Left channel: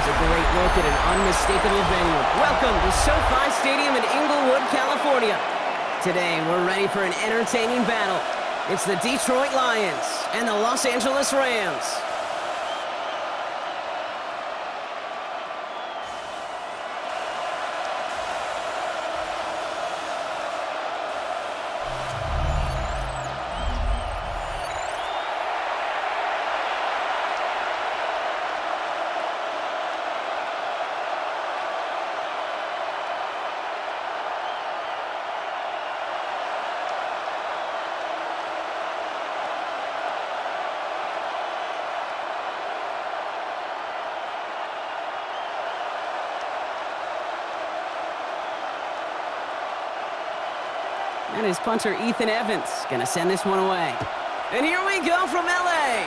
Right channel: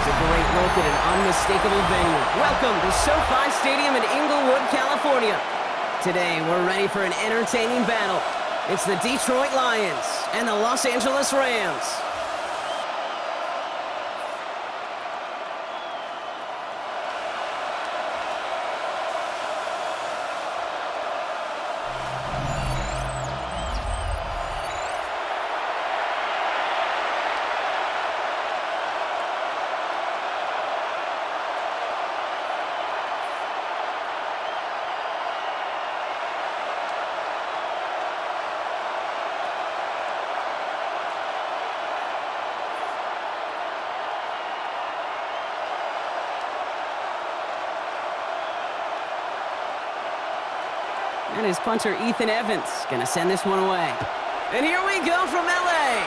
Always a great look at an unmistakable venue. Welcome to SoFi Stadium in Inglewood, California. Today, we're ready for an entertaining battle. It's the Detroit Lions and the Los Angeles Rams. And his punter, Ethan Evans, going to send this one away. And here we go from L.A.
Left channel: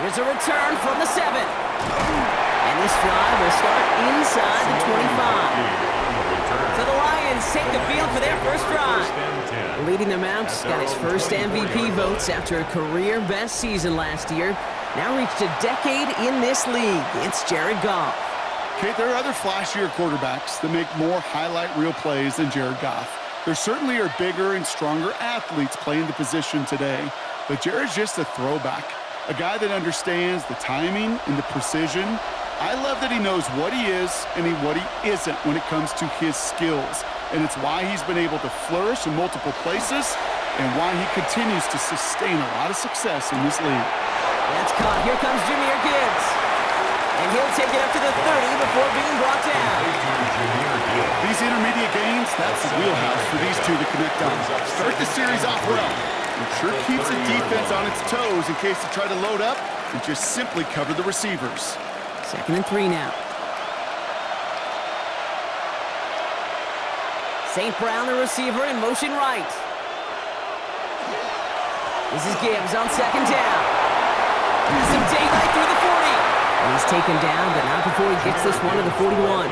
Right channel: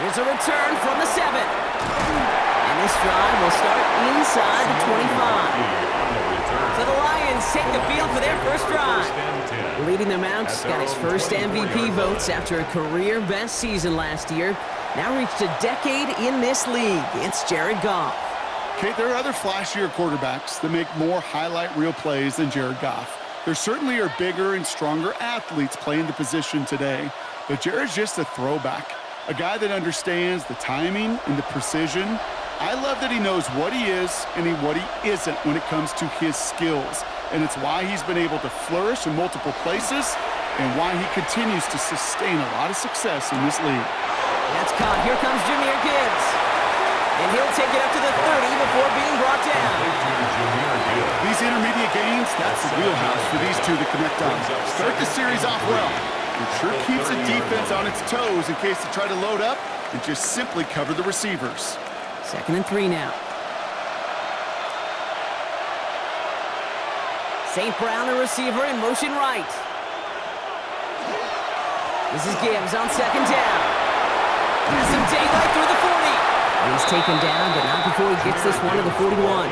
Here's a return from the 7. And this drive will start inside the 25. So the Lions take the field for their first drive. Leading them out, got his first MVP votes after a career-best season last year. Now reached a decade in this league. It's Jared Goff. Okay, there are other flashier quarterbacks that make more highlight reel plays than Jared Goff. There certainly are bigger and stronger athletes playing the position today, but Jared's just a throwback, a guy that understands the timing and the precision. I love that he knows what he is and what he isn't when it comes to his skills, and it's why he's been able to flourish in multiple places and why he continues to sustain a lot of success in this league. That's caught. Here comes Jahmyr Gibbs. And he'll take it up to the 30 before being brought down. These intermediate gains, that's the wheelhouse for these two to connect on. Start the series off well. It sure keeps the defense on its toes in case they try to load up and just simply cover the receivers. 2nd and 3 now. St. Brown, the receiver, in motion right. This is Gibbs on 2nd down. Has some daylight through the 40. And he's taken down, but not before he gets this one to the 41.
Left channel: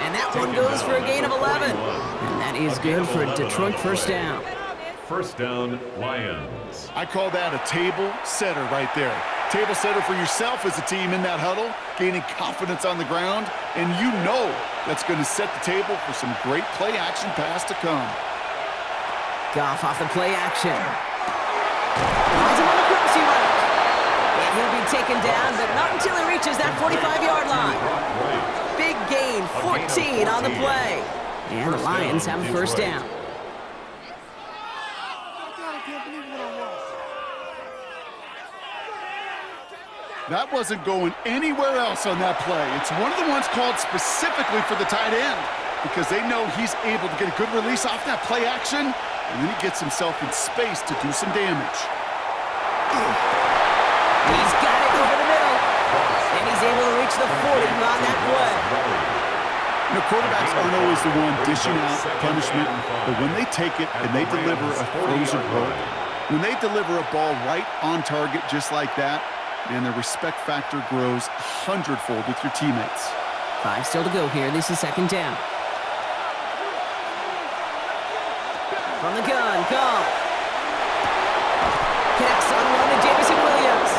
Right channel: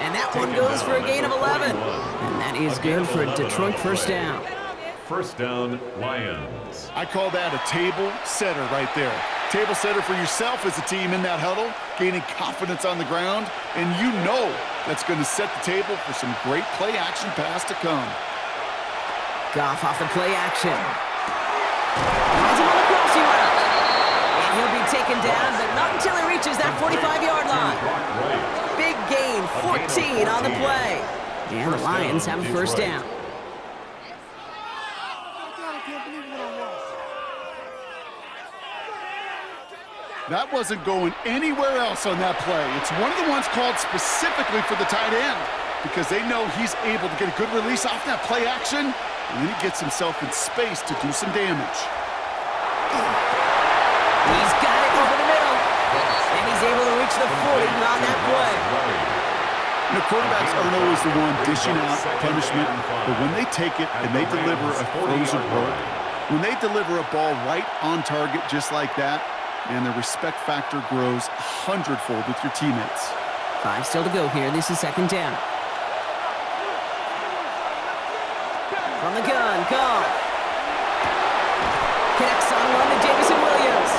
And that one goes for a gain of 11. And that is good for a Detroit first down. First down, Lions. I call that a table setter right there. Table setter for yourself as a team in that huddle, gaining confidence on the ground, and you know that's going to set the table for some great play-action pass to come. Goff off the play action. Finds him on the crossing route. And he'll be taken down, but not until he reaches that 45-yard line. Big gain, 14 on the play. And the Lions have a first down. That wasn't going anywhere else on that play. It's one of the ones called specifically for the tight end because they know he's able to get a good release off that play action, and then he gets himself in space to do some damage. He's got it over the middle, and he's able to reach the 40 on that play. You know, quarterbacks aren't always the one dishing out punishment, but when they take it and they deliver a frozen rope, when they deliver a ball right on target just like that, and the respect factor grows 100-fold with your teammates. 5 still to go here. This is 2nd down. From the gun, Goff. Connects on one to Jameson Williams.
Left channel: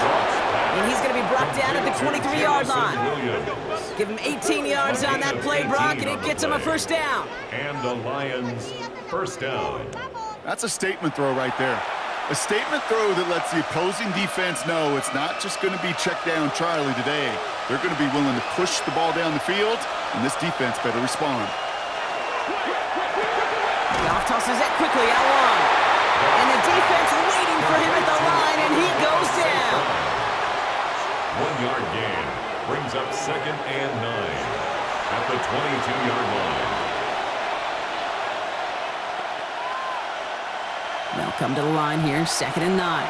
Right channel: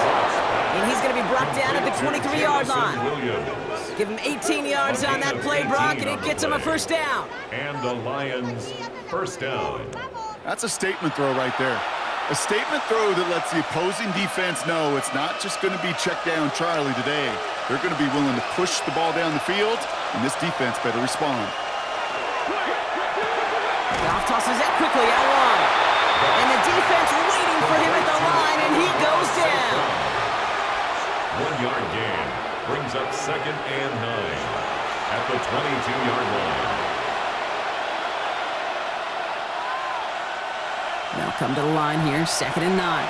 And he's going to be brought down at the 23-yard line. Give him 18 yards on that play, Brock, and it gets him a first down. And the Lions first down. That's a statement throw right there. A statement throw that lets the opposing defense know it's not just going to be check down Charlie today. They're going to be willing to push the ball down the field, and this defense better respond. Goff tosses it quickly out wide. And the defense waiting for him at the line, and he goes down. 1-yard gain brings up 2nd and 9 at the 22-yard line. They'll come to the line here, 2nd and 9.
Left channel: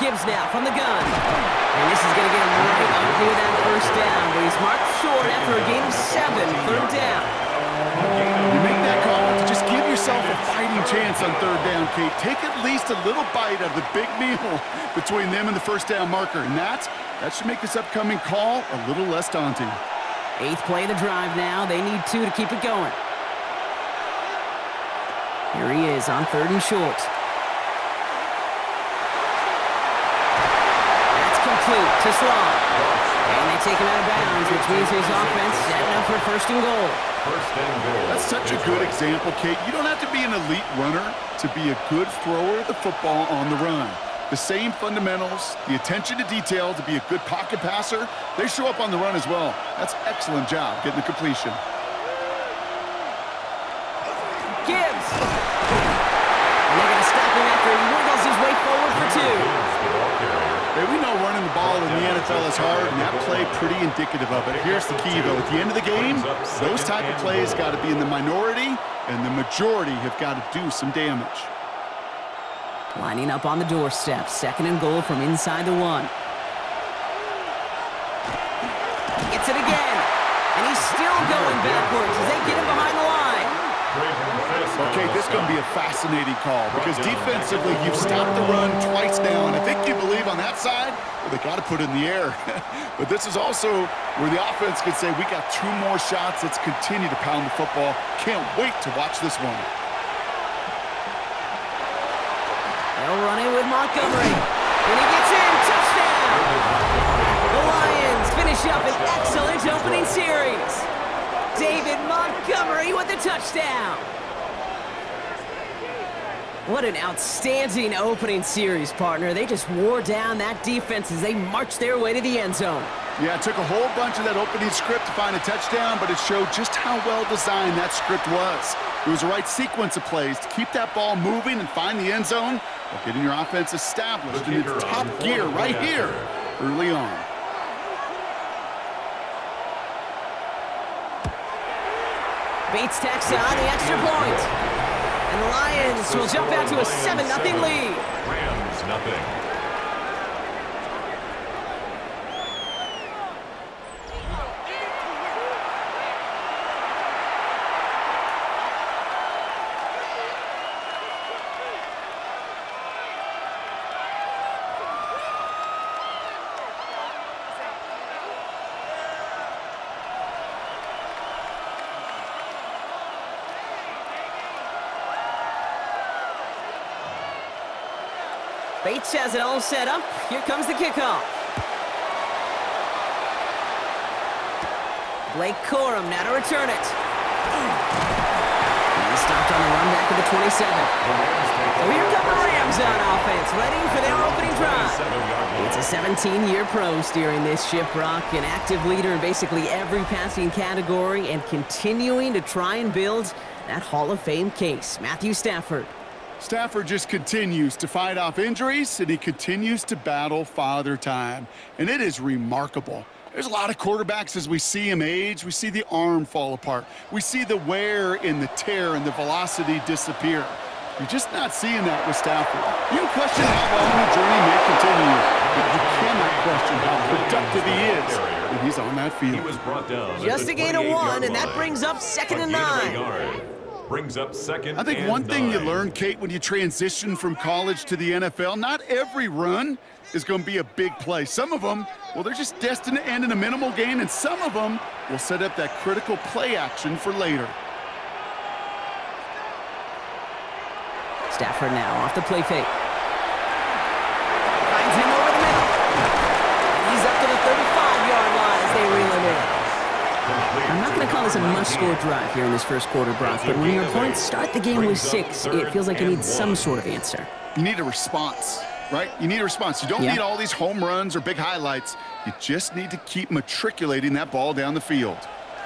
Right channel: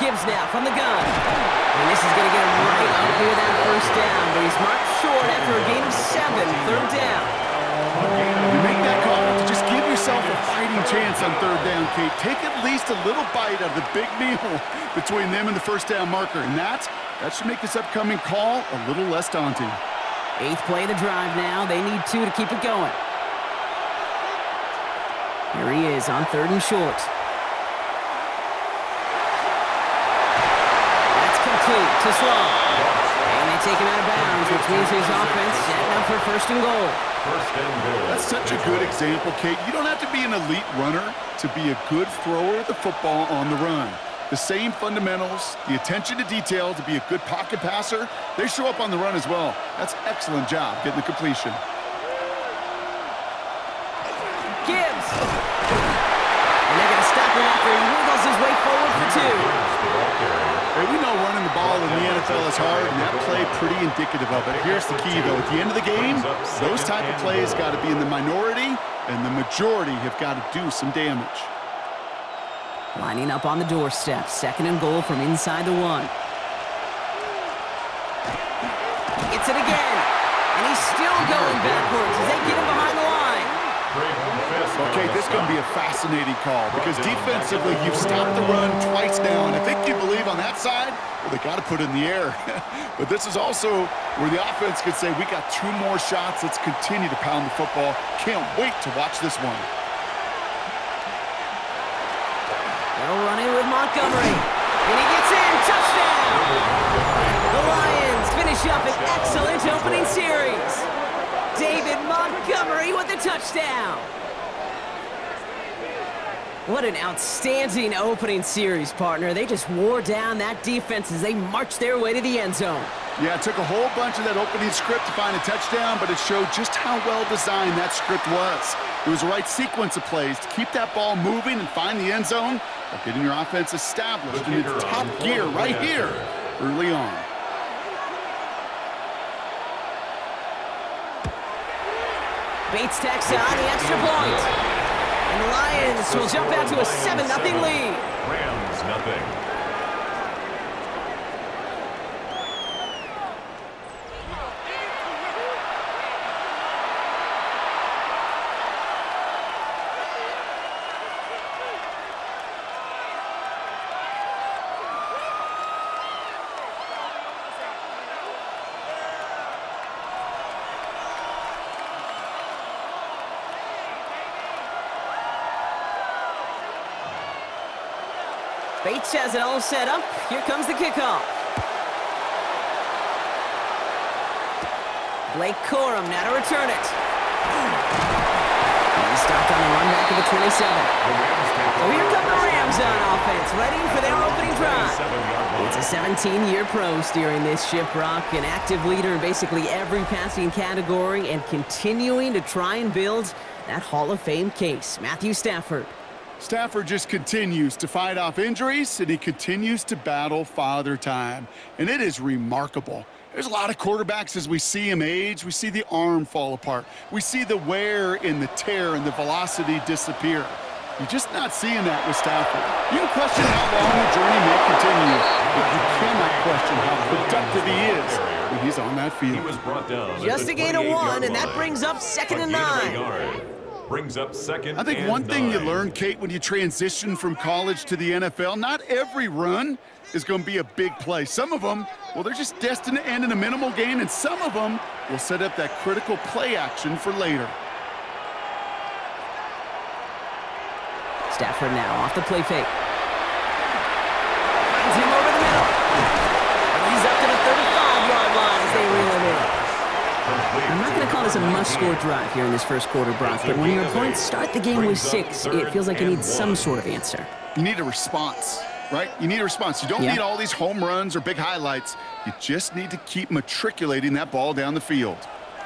Gibbs now from the gun. And this is going to get him right up near that first down, but he's marked short after a gain of 7, 3rd down. You make that call to just give yourself a fighting chance on 3rd down, Kate. Take at least a little bite out of the big meal between them and the first down marker, and that should make this upcoming call a little less daunting. 8th play of the drive now. They need 2 to keep it going. Here he is on 3rd and short. That's complete to Slaw. And they take him out of bounds, which means his offense setting up for 1st and goal. That's such a good example, Kate. You don't have to be an elite runner to be a good thrower of the football on the run. The same fundamentals, the attention to detail to be a good pocket passer, they show up on the run as well. That's excellent job getting the completion. Gibbs. And they're going to stop him after he wiggles his way forward for 2. Hey, we know running the ball in the NFL is hard, and that play pretty indicative of it. Here's the key, though. At the end of the game, those type of plays got to be in the minority, and the majority have got to do some damage. Lining up on the doorstep. 2nd and goal from inside the 1. Gets it again. And he's still going backwards as they get him behind the line. Okay, this is going to be a fascinating call because defensively you've stopped the run twice now, and I think you believe on that side, well, they got to put it in the air. But this is also where the offense could say, we got 2 more shots. Let's continue to pound the football. Can't wait to watch this one. They'll run in with Montgomery. And he gets in. Touchdown! The Lions finish up an excellent opening series. David Montgomery with the touchdown. What an outstanding opening series, partner. They just wore down that defense as they marched their way to the end zone. Yeah, it took a whole bunch of that opening script to find a touchdown, but it showed just how well designed that script was. It was the right sequence of plays to keep that ball moving and find the end zone while getting your offense established in its top gear right here early on. Bates tacks on the extra point. And the Lions will jump out to a 7-0 lead. Rams nothing. Bates has it all set up. Here comes the kickoff. Blake Corum now to return it. And he's stopped on the run back of the 27. So here come the Rams on offense, ready for their opening drive. It's a 17-year pro steering this ship, Brock, an active leader in basically every passing category and continuing to try and build that Hall of Fame case. Matthew Stafford. Stafford just continues to fight off injuries, and he continues to battle father time. And it is remarkable. There's a lot of quarterbacks as we see him age. We see the arm fall apart. We see the wear in the tear and the velocity disappear. You're just not seeing that with Stafford. You can question how long the journey may continue, but you cannot question how productive he is when he's on that field. He was brought down Just a gain of 1, and that brings up 2nd and 9. Brings up 2nd. I think one thing you learn, Kate, when you transition from college to the NFL, not every run is going to be a big play. Some of them, well, they're just destined to end in a minimal gain, and some of them will set up that critical play action for later. Stafford now off the play fake. Finds him over the middle. And he's up to the 35-yard line as they reel him in. I'm not going to call this a must-score drive here in this first quarter, Brock, but when your opponents start the game with 6, it feels like you need some sort of answer. You need a response, right? You need a response. You don't need all these home runs or big highlights. You just need to keep matriculating that ball down the field.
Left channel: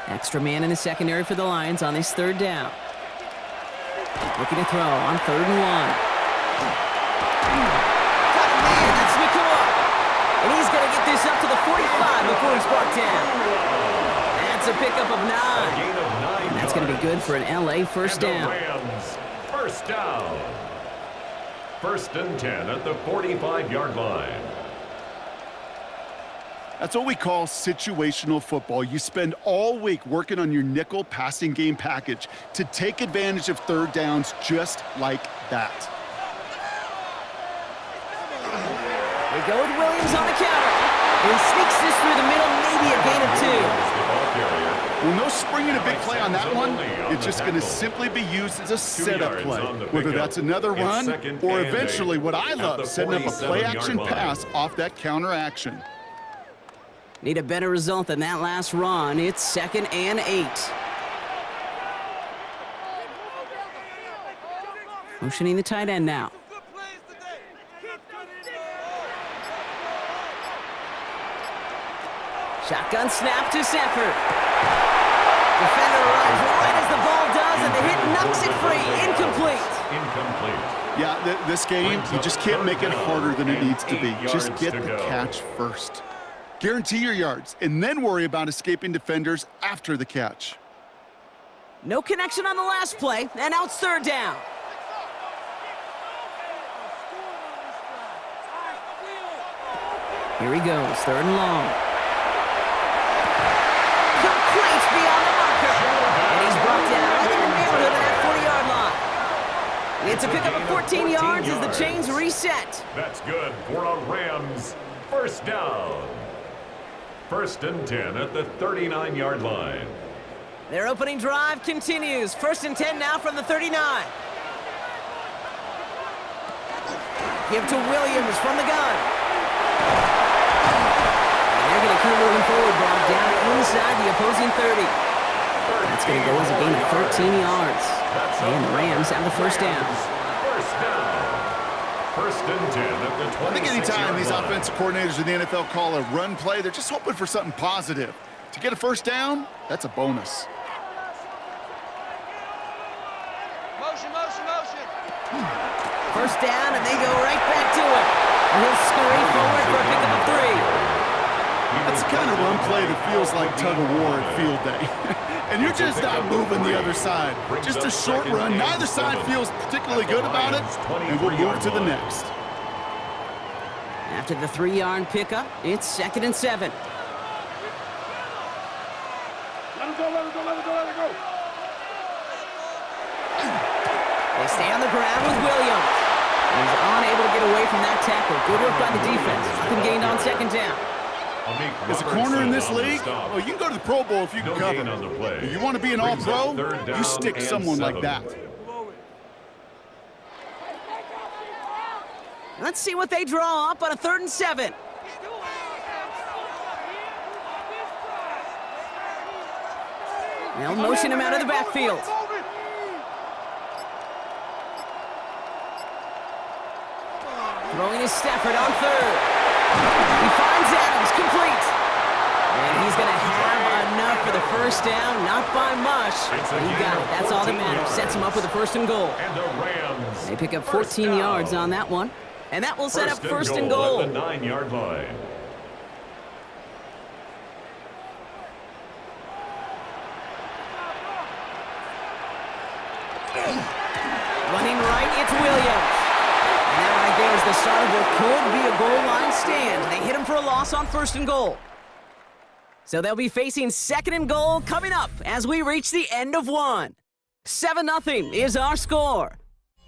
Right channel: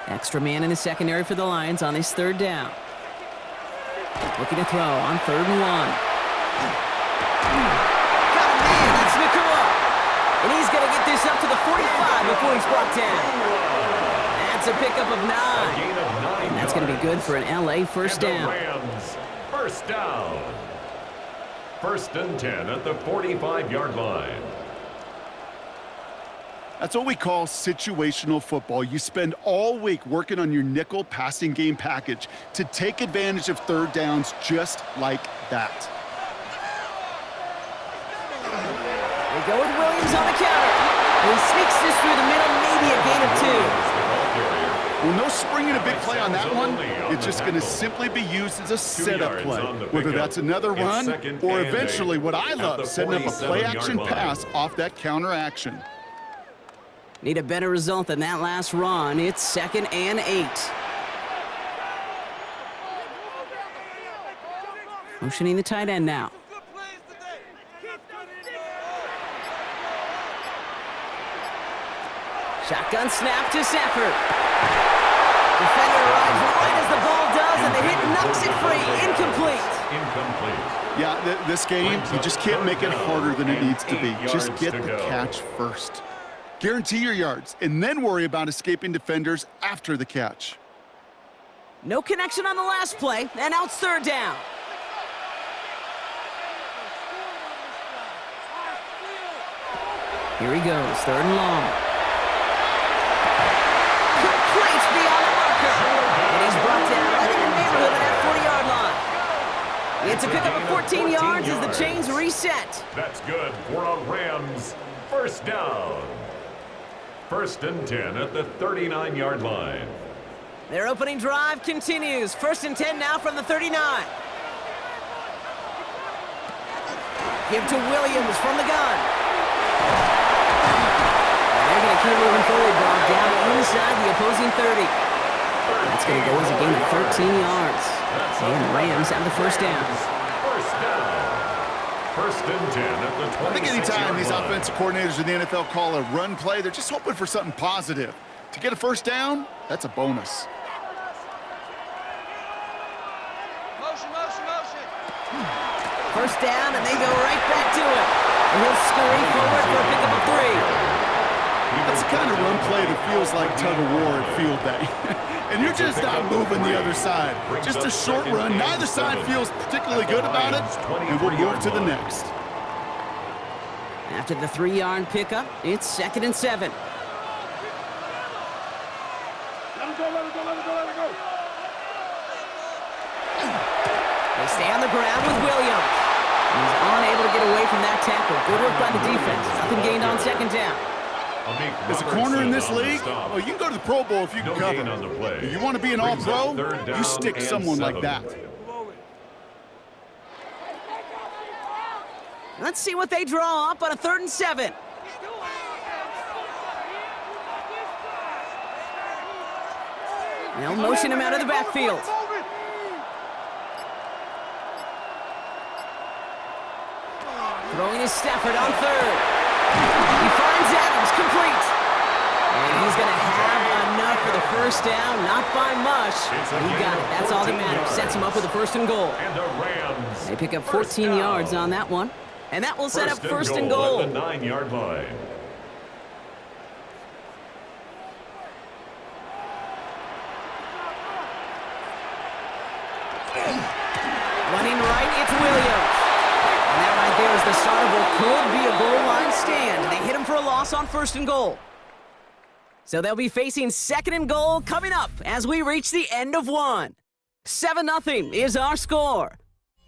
Extra man in the secondary for the Lions on this 3rd down. Looking to throw on 3rd and 1. Got him, man. That's Nakua. And he's going to get this up to the 45 before he's brought down. That's a pickup of 9. And that's going to be good for an LA first down. Rams first down. 1st and 10 at the 45-yard line. That's what we call situational football. You spend all week working on your nickel passing game package to take advantage of 3rd downs just like that. They go with Williams on the counter. And he sneaks this through the middle, maybe a gain of 2. Well, no springing a big play on that one. It's just going to tackle. simply be used as a 2 setup yards play, on the whether pickup. that's another It's run second or and eventually 8 what I at love, the setting up a 47-yard play-action line. pass off that counter action. Need a better result than that last run. It's 2nd and 8. Motioning the tight end now. Shotgun snap to Stafford. Defender arrives right as the ball does, and the hit knocks it free. Incomplete. Incomplete. Yeah, this game, you just can't make it harder than it needs to be. Just get the catch first. Guarantee your yards, and then worry about escaping defenders after the catch. No connection on the last play, and now it's 3rd down. Here he goes, 3rd and long. Complete beyond the marker. And he's brought down right in the neighborhood of that 40-yard line. It's a pickup of 14 yards as the chains reset. That's good for a Rams first down. 1st and 10 at the 39-yard line. Their opening drive continues. 1st and 10 now from the 39. Give to Williams from the gun. And they're going to keep moving forward, Brock, down inside the opposing 30. That's going to go as a gain of 13 yards. And the Rams have the first down. First down. 1st and 10 at the 26-yard line. I think anytime these offensive coordinators in the NFL call a run play, they're just hoping for something positive. To get a first down, that's a bonus. Motion, motion, motion. First down, and they go right back to it. And he'll scurry forward for a pickup of 3. That's the kind of run play that feels like tug-of-war at field day. And you're just not moving the other side. Just a short run. Neither side feels particularly good about it, and we'll move to the next. After the 3-yard pickup, it's 2nd and 7. Let him go, let him go, let him go, let him go. They stay on the ground with Williams. And he's unable to get away from that tackle. Good work by the defense. Nothing gained on 2nd down. As a corner in this league, well, you can go to the Pro Bowl if you can cover. If you want to be an all-pro, you stick someone like that. Let's see what they draw up on a 3rd and 7. They'll motion him out of the backfield. Throwing his Stafford on 3rd. He finds Adams, complete. And he's going to have enough for the first down, not by much. But he got it. That's all that matters. Sets him up with a 1st and goal. And the Rams. They pick up 14 yards on that one. And that will set up 1st and goal. At the 9-yard line. Running right, it's Williams. And that right there is the start of what could be a goal line stand. They hit him for a loss on 1st and goal. So they'll be facing 2nd and goal coming up as we reach the end of 1. 7-0 is our score.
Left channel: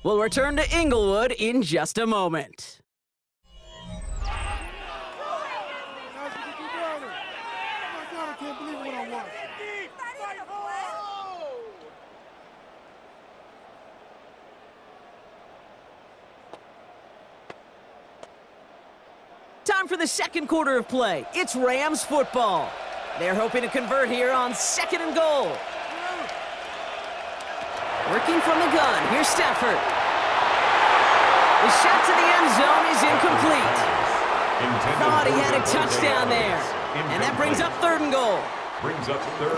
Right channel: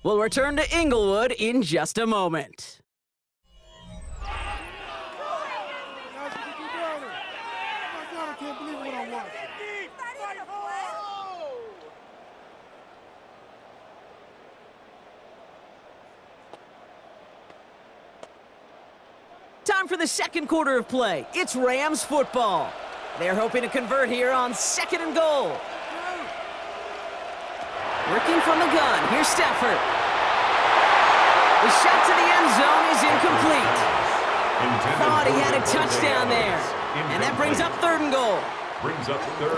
We'll return to Inglewood in just a moment. Time for the 2nd quarter of play. It's Rams football. They're hoping to convert here on 2nd and goal. Working from the gun, here's Stafford. The shot to the end zone is incomplete. Thought he had a touchdown there. And that brings up 3rd and goal.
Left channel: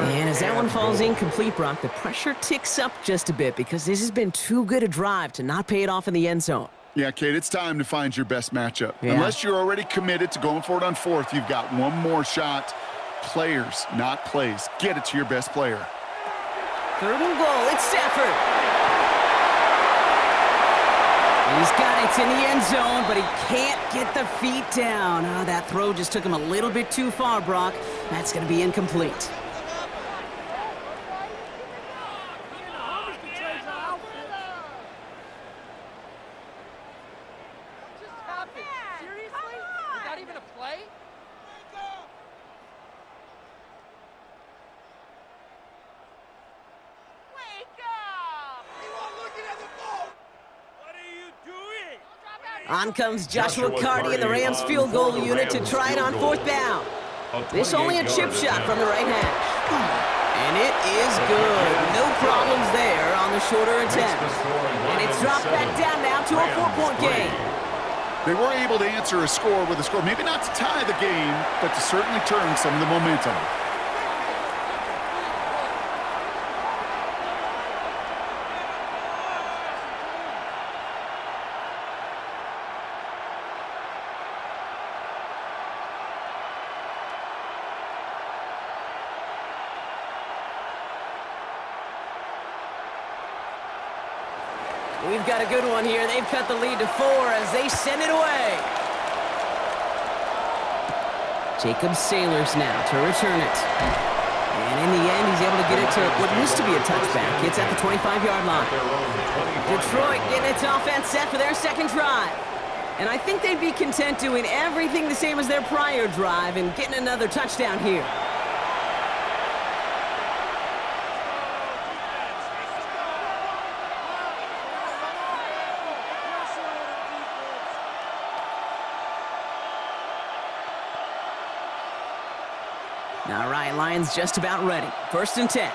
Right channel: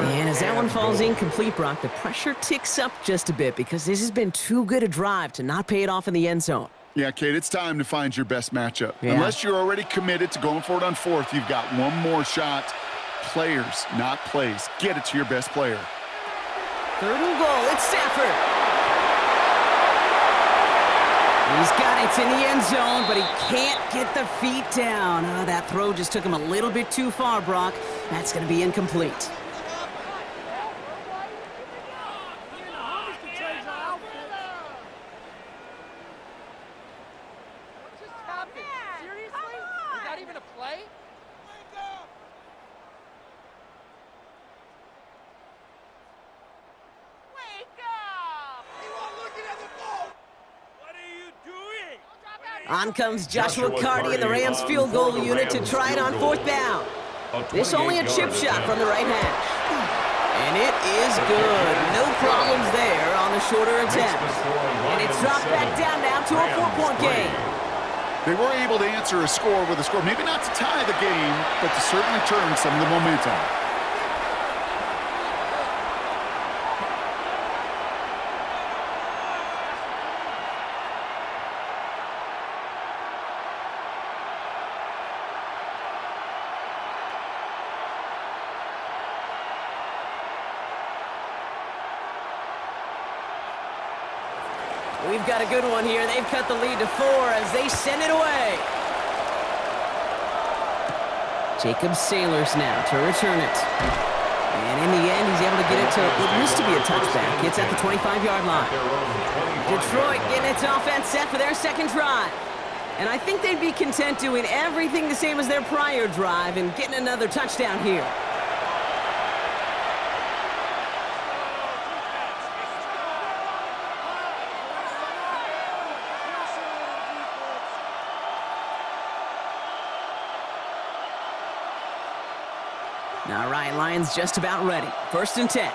And as that one falls incomplete, Brock, the pressure ticks up just a bit because this has been too good a drive to not pay it off in the end zone. Yeah, Kate, it's time to find your best matchup. Yeah. Unless you're already committed to going for it on 4th, you've got one more shot. Players, not plays. Get it to your best player. 3rd and goal, it's Stafford. He's got it in the end zone, but he can't get the feet down. Oh, that throw just took him a little bit too far, Brock. That's going to be incomplete. On comes Joshua Carty in the Rams field goal unit to try it on 4th down. This only a chip shot from the right hash. And it is good. No problems there on the shorter attempt. And it's dropped back down now to a 4-point game. They were able to answer a score with a score, maybe not to tie the game, but to certainly turn some of the momentum. We've got a good one here. They've cut the lead to 4 as they send it away. Jacob Sailors now to return it. And in the end, he's able to get it to what used to be a touchback. It's at the 25-yard line. Detroit getting its offense set for their second drive. And I think they'd be content doing everything the same as their prior drive and getting another touchdown here. All right, Lions just about ready. 1st and 10.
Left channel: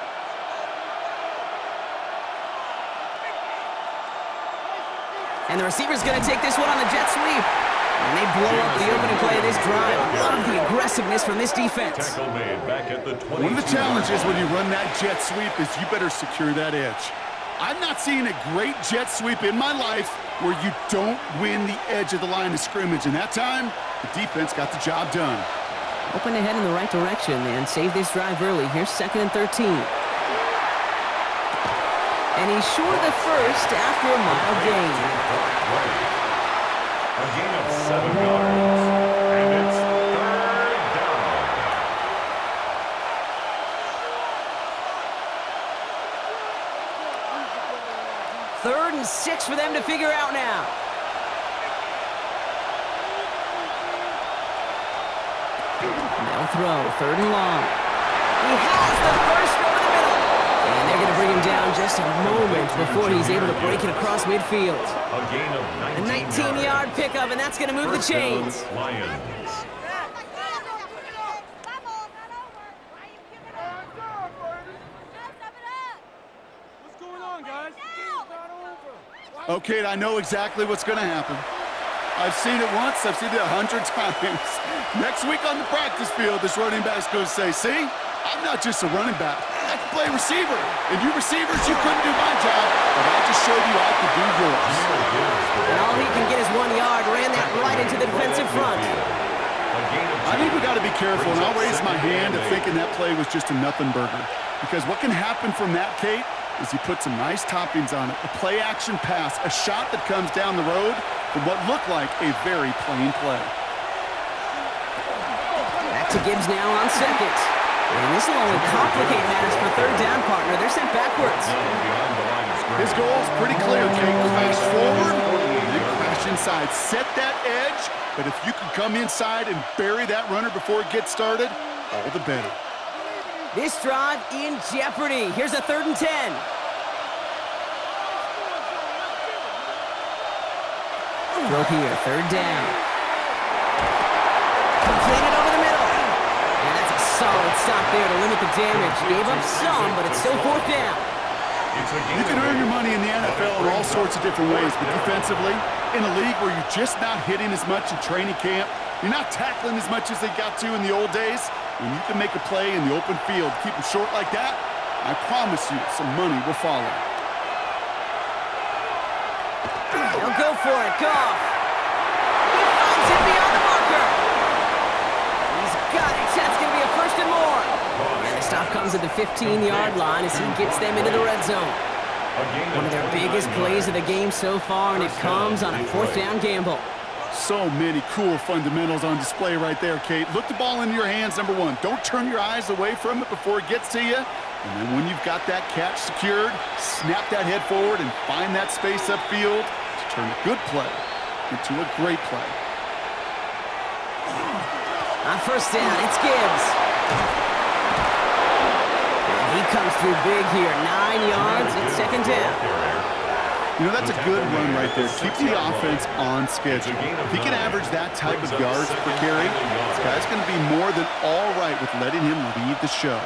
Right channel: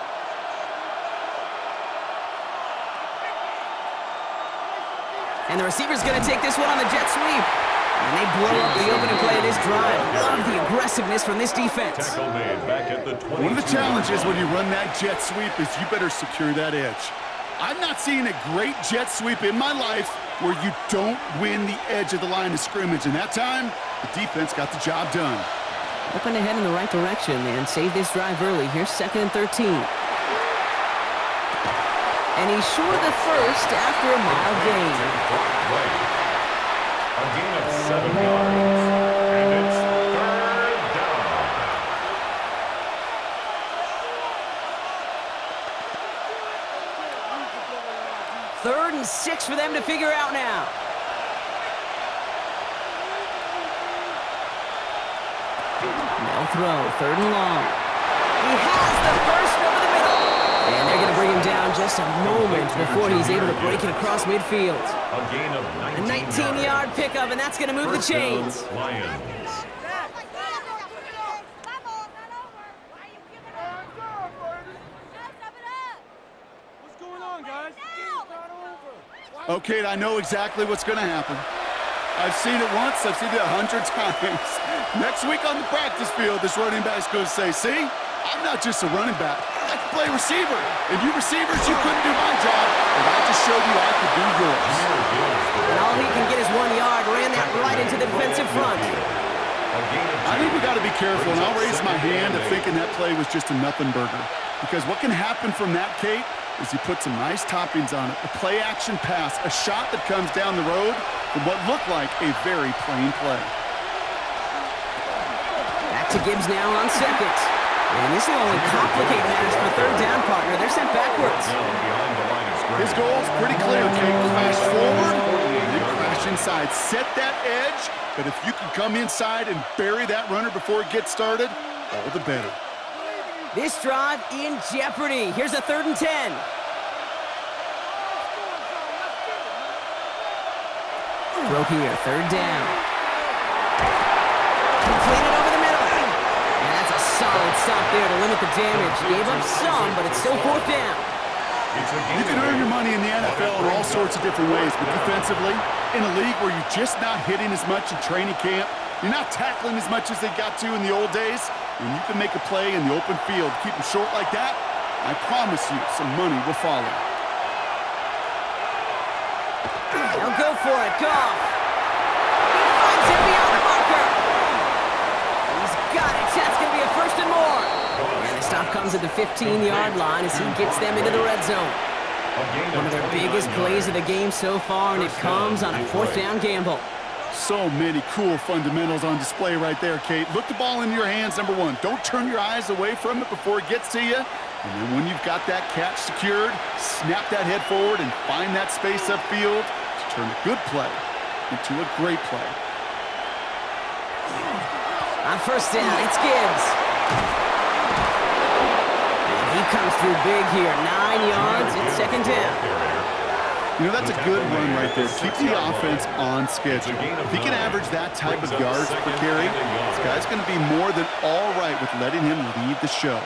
And the receiver's going to take this one on the jet sweep. And they blow up the opening play of this drive. Love the aggressiveness from this defense. Tackle made back at the 22. One of the challenges when you run that jet sweep is you better secure that edge. I've not seen a great jet sweep in my life where you don't win the edge of the line of scrimmage. And that time, the defense got the job done. Open ahead in the right direction and save this drive early. Here's 2nd and 13. And he's short of the first after a mild gain. A gain of 7 yards. And it's 3rd down. 3rd and 6 for them to figure out now. They'll throw, 3rd and long. He has the first over the middle. And they're going to bring him down just a moment before he's able to break it across midfield. A gain of 19 A 19-yard pickup, and that's going to move the chains. Lions. What's going on, guys? Okay, I know exactly what's going to happen. I've seen it once, I've seen it 100 times. Next week on the practice field, this running back's going to say, see, I'm not just a running back, I can play receiver. And you receivers, you couldn't do my job, but I just showed you I could do yours. And all he can get is 1 yard, ran that right into the defensive front. I think we got to be careful, and I'll raise my hand to thinking that play was just a nothing burger. Because what can happen from that, Kate, is he put some nice toppings on it. A play-action pass, a shot that comes down the road from what looked like a very plain play. Back to Gibbs now on 2nd. And this will only complicate matters for 3rd down, partner. They're sent backwards. His goal is pretty clear, Kate. Crash forward, and then crash inside. Set that edge, but if you can come inside and bury that runner before it gets started, all the better. This drive in jeopardy. Here's a 3rd and 10. Throw here, 3rd down. Completed over the middle. And that's a solid stop there to limit the damage. Gave up some, but it's still 4th down. You can earn your money in the NFL in all sorts of different ways, but defensively, in a league where you're just not hitting as much in training camp, you're not tackling as much as they got to in the old days, when you can make a play in the open field, keep them short like that, I promise you some money will follow. They'll go for it. Goff. He finds it beyond the marker. He's got it. That's going to be a 1st and more. And the stop comes at the 15-yard line as he gets them into the red zone. One of their biggest plays of the game so far, and it comes on a 4th down gamble. So many cool fundamentals on display right there, Kate. Look the ball into your hands, number 1. Don't turn your eyes away from it before it gets to you. And then when you've got that catch secured, snap that head forward and find that space upfield to turn a good play into a great play. On 1st down, it's Gibbs. And he comes through big here. 9 yards, it's 2nd down. You know, that's a good run right there. Keep the offense on schedule. If he can average that type of yards per carry, this guy's going to be more than all right with letting him lead the show.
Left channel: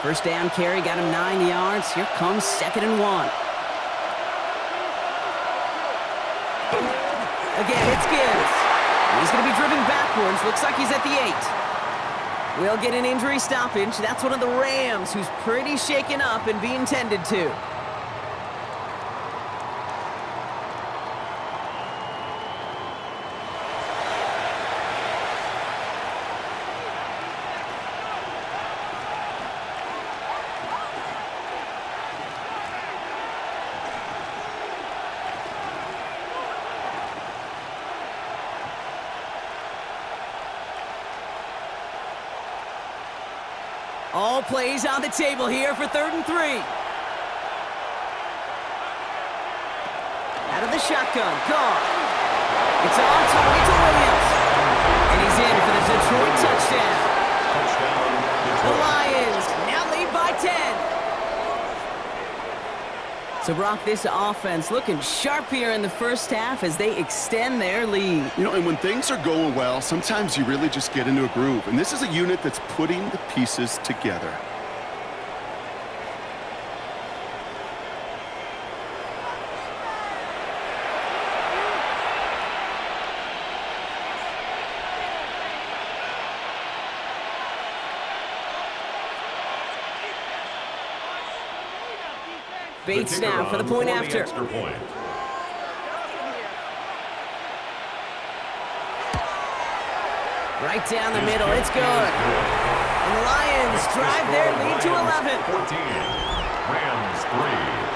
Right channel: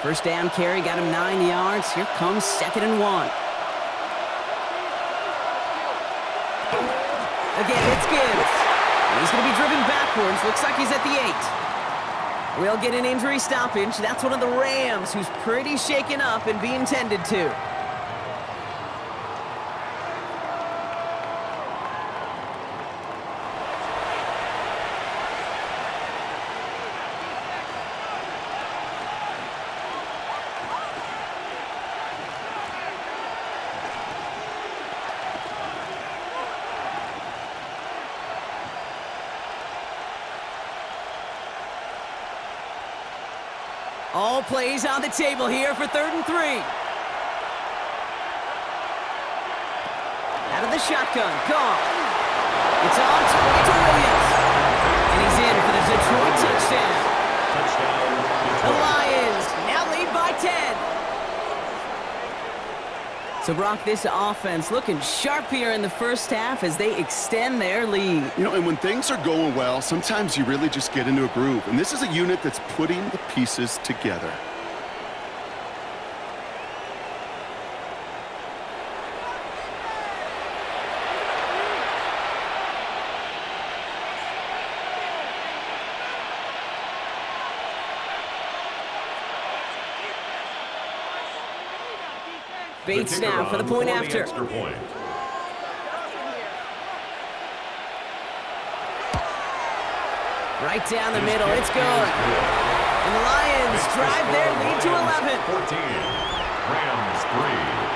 First down carry got him 9 yards. Here comes 2nd and 1. Again, it's Gibbs. And he's going to be driven backwards. Looks like he's at the 8. We'll get an injury stoppage. That's one of the Rams who's pretty shaken up and being tended to. All plays on the table here for 3rd and 3. Out of the shotgun, Goff. It's on target to Williams. And he's in for the Detroit touchdown. The Lions now lead by 10. So, Brock, this offense looking sharp here in the first half as they extend their lead. You know, and when things are going well, sometimes you really just get into a groove. And this is a unit that's putting the pieces together. Bates now for the point after. Right down the middle, it's good. And the Lions drive their lead to 11. 14, Rams 3.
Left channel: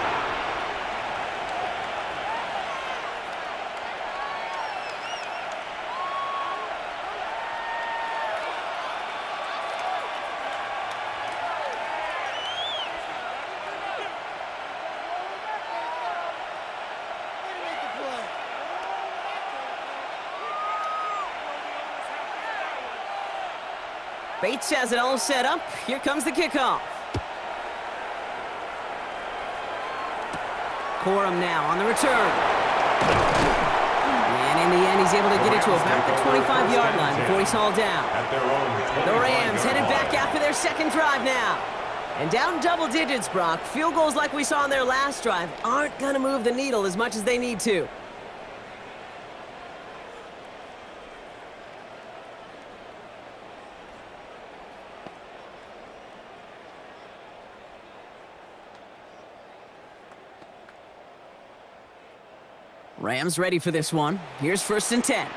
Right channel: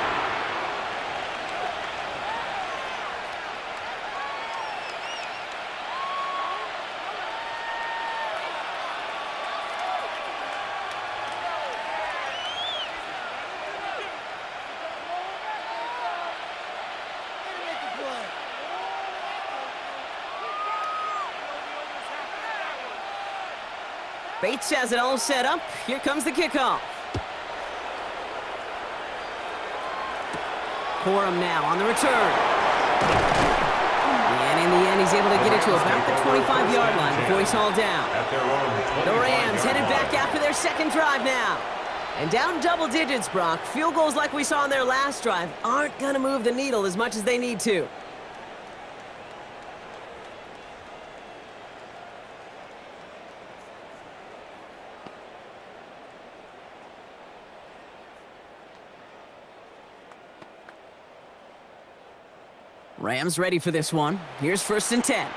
Bates has it all set up. Here comes the kickoff. Corum now on the return. And in the end, he's able to get it to about the 25-yard line before he's hauled down. The Rams headed back after their second drive now. And down double digits, Brock. Field goals like we saw on their last drive aren't going to move the needle as much as they need to. Rams ready for this one. Here's 1st and 10.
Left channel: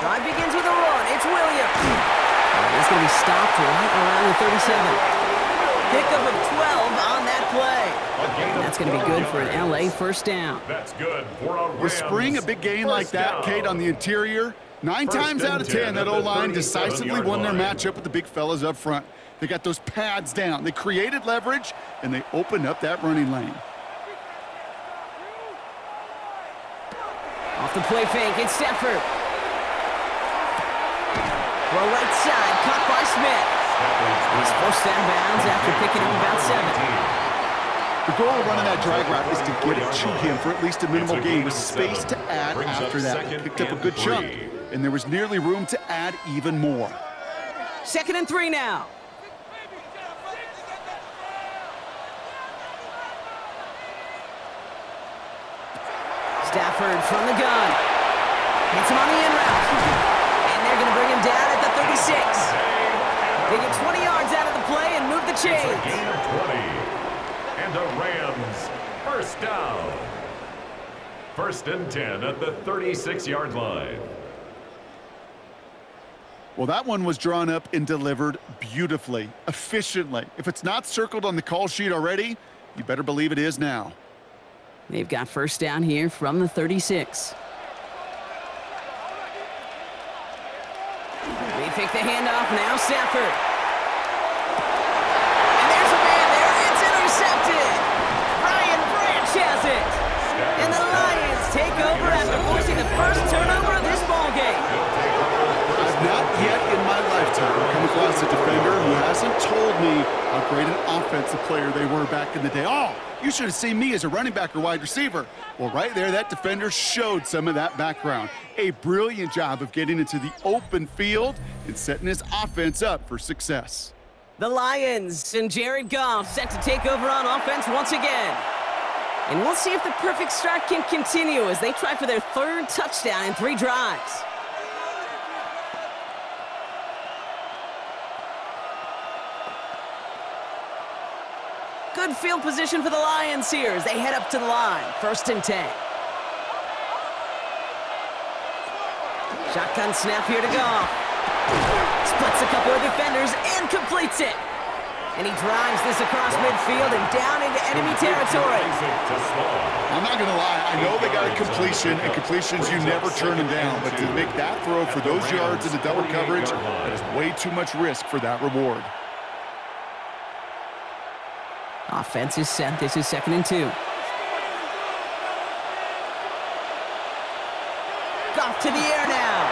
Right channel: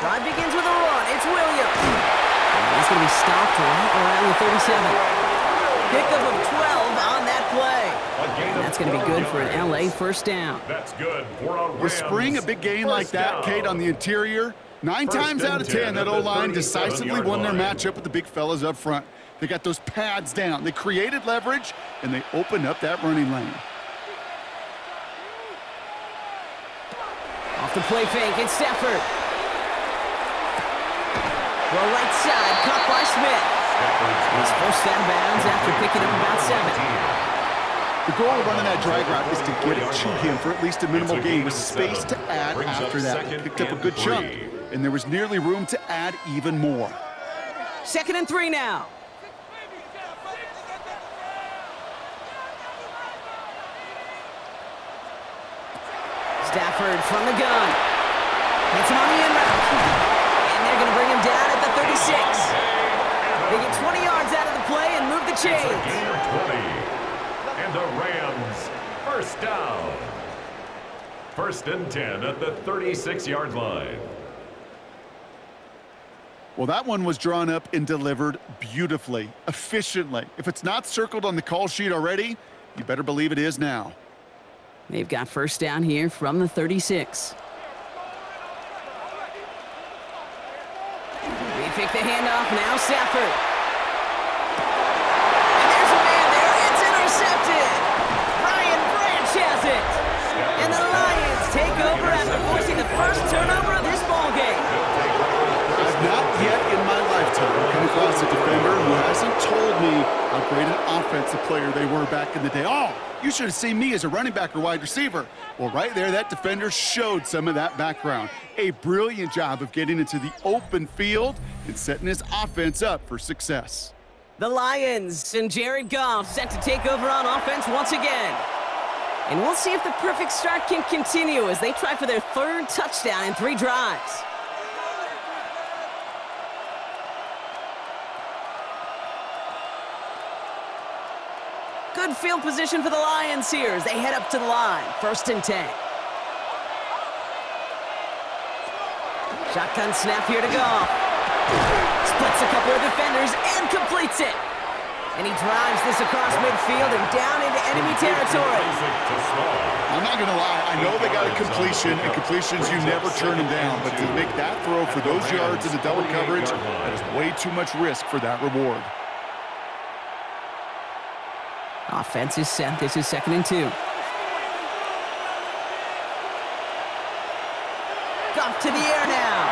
Drive begins with a run. It's Williams. And he's going to be stopped right around the 37. Pickup of 12 on that play. And that's going to be good for an LA first down. That's good for a Rams. You spring a big gain like that, Kate, on the interior. 9 times out of 10, that O-line decisively won their matchup with the big fellas up front. They got those pads down. They created leverage, and they opened up that running lane. Off the play fake, it's Stafford. Throw right side, caught by Smith. He's forced out of bounds after picking up about 7. The goal of running that drag route is to get it to him for at least a minimal gain with space to add after that. They picked up a good chunk, and there was nearly room to add even more. 2nd and 3 now. Stafford from the gun. Hits him on the in route. And they're going to bring him down at the 36. They get 20 yards out of the play and move the chains. It's a gain of 20. And the Rams, first down. 1st and 10 at the 36-yard line. Well, that one was drawn up and delivered beautifully, efficiently. If it's not circled on the call sheet already, you better believe it is now. They've got first down here from the 36. They pick the handoff now, Stafford. And there's a man there. It's intercepted. Brian Branch has it. And the Lions take over after forcing the first turnover of this ballgame. I've not yet in my lifetime come across against a defender who hasn't told me how great an offensive player they were back in the day. Oh, you should have seen me as a running back or wide receiver. Well, right there, that defender showed some of that background. A brilliant job of getting into the open field and setting his offense up for success. The Lions and Jared Goff set to take over on offense once again. And we'll see if the perfect start can continue as they try for their third touchdown in 3 drives. Good field position for the Lions here as they head up to the line. 1st and 10. Shotgun snap here to Goff. Splits a couple of defenders and completes it. And he drives this across midfield and down into enemy territory. I'm not going to lie. I know they got a completion, and completions, you never turn them down. But to make that throw for those yards in the double coverage, that is way too much risk for that reward. Offense is set. This is 2nd and 2. Goff to the air now.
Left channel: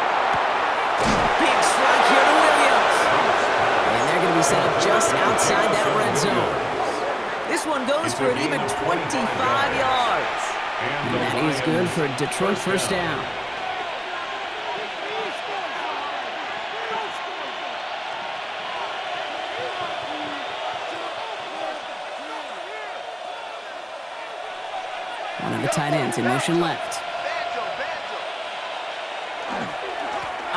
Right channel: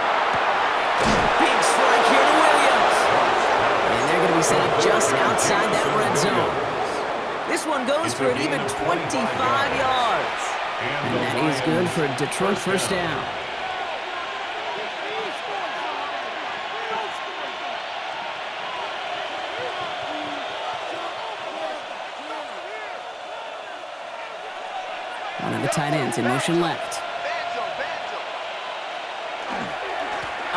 Big strike here to Williams. And they're going to be set up just outside that red zone. This one goes for an even 25 yards. And that is good for a Detroit 1st down. One of the tight ends in motion left.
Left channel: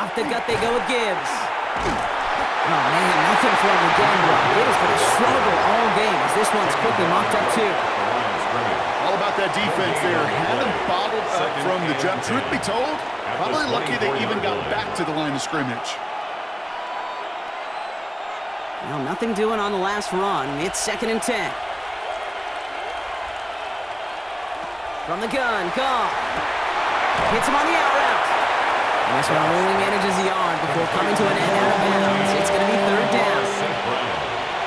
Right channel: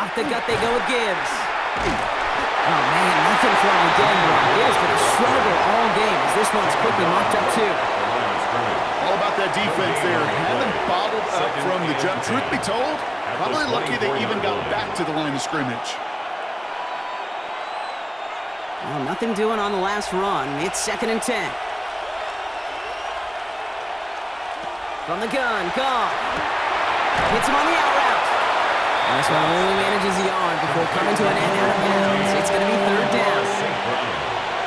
Off the gut they go with Gibbs. Oh, man, nothing for him again, Brock. It has been a struggle all game as this one's quickly mocked up, too. All about that defense there. Had them bottled up from the jump. Truth be told, probably lucky they even got back to the line of scrimmage. Well, nothing doing on the last run. It's 2nd and 10. From the gun, Goff. Hits him on the out route. And this one only manages the yard before coming to an end out of bounds. It's going to be 3rd down.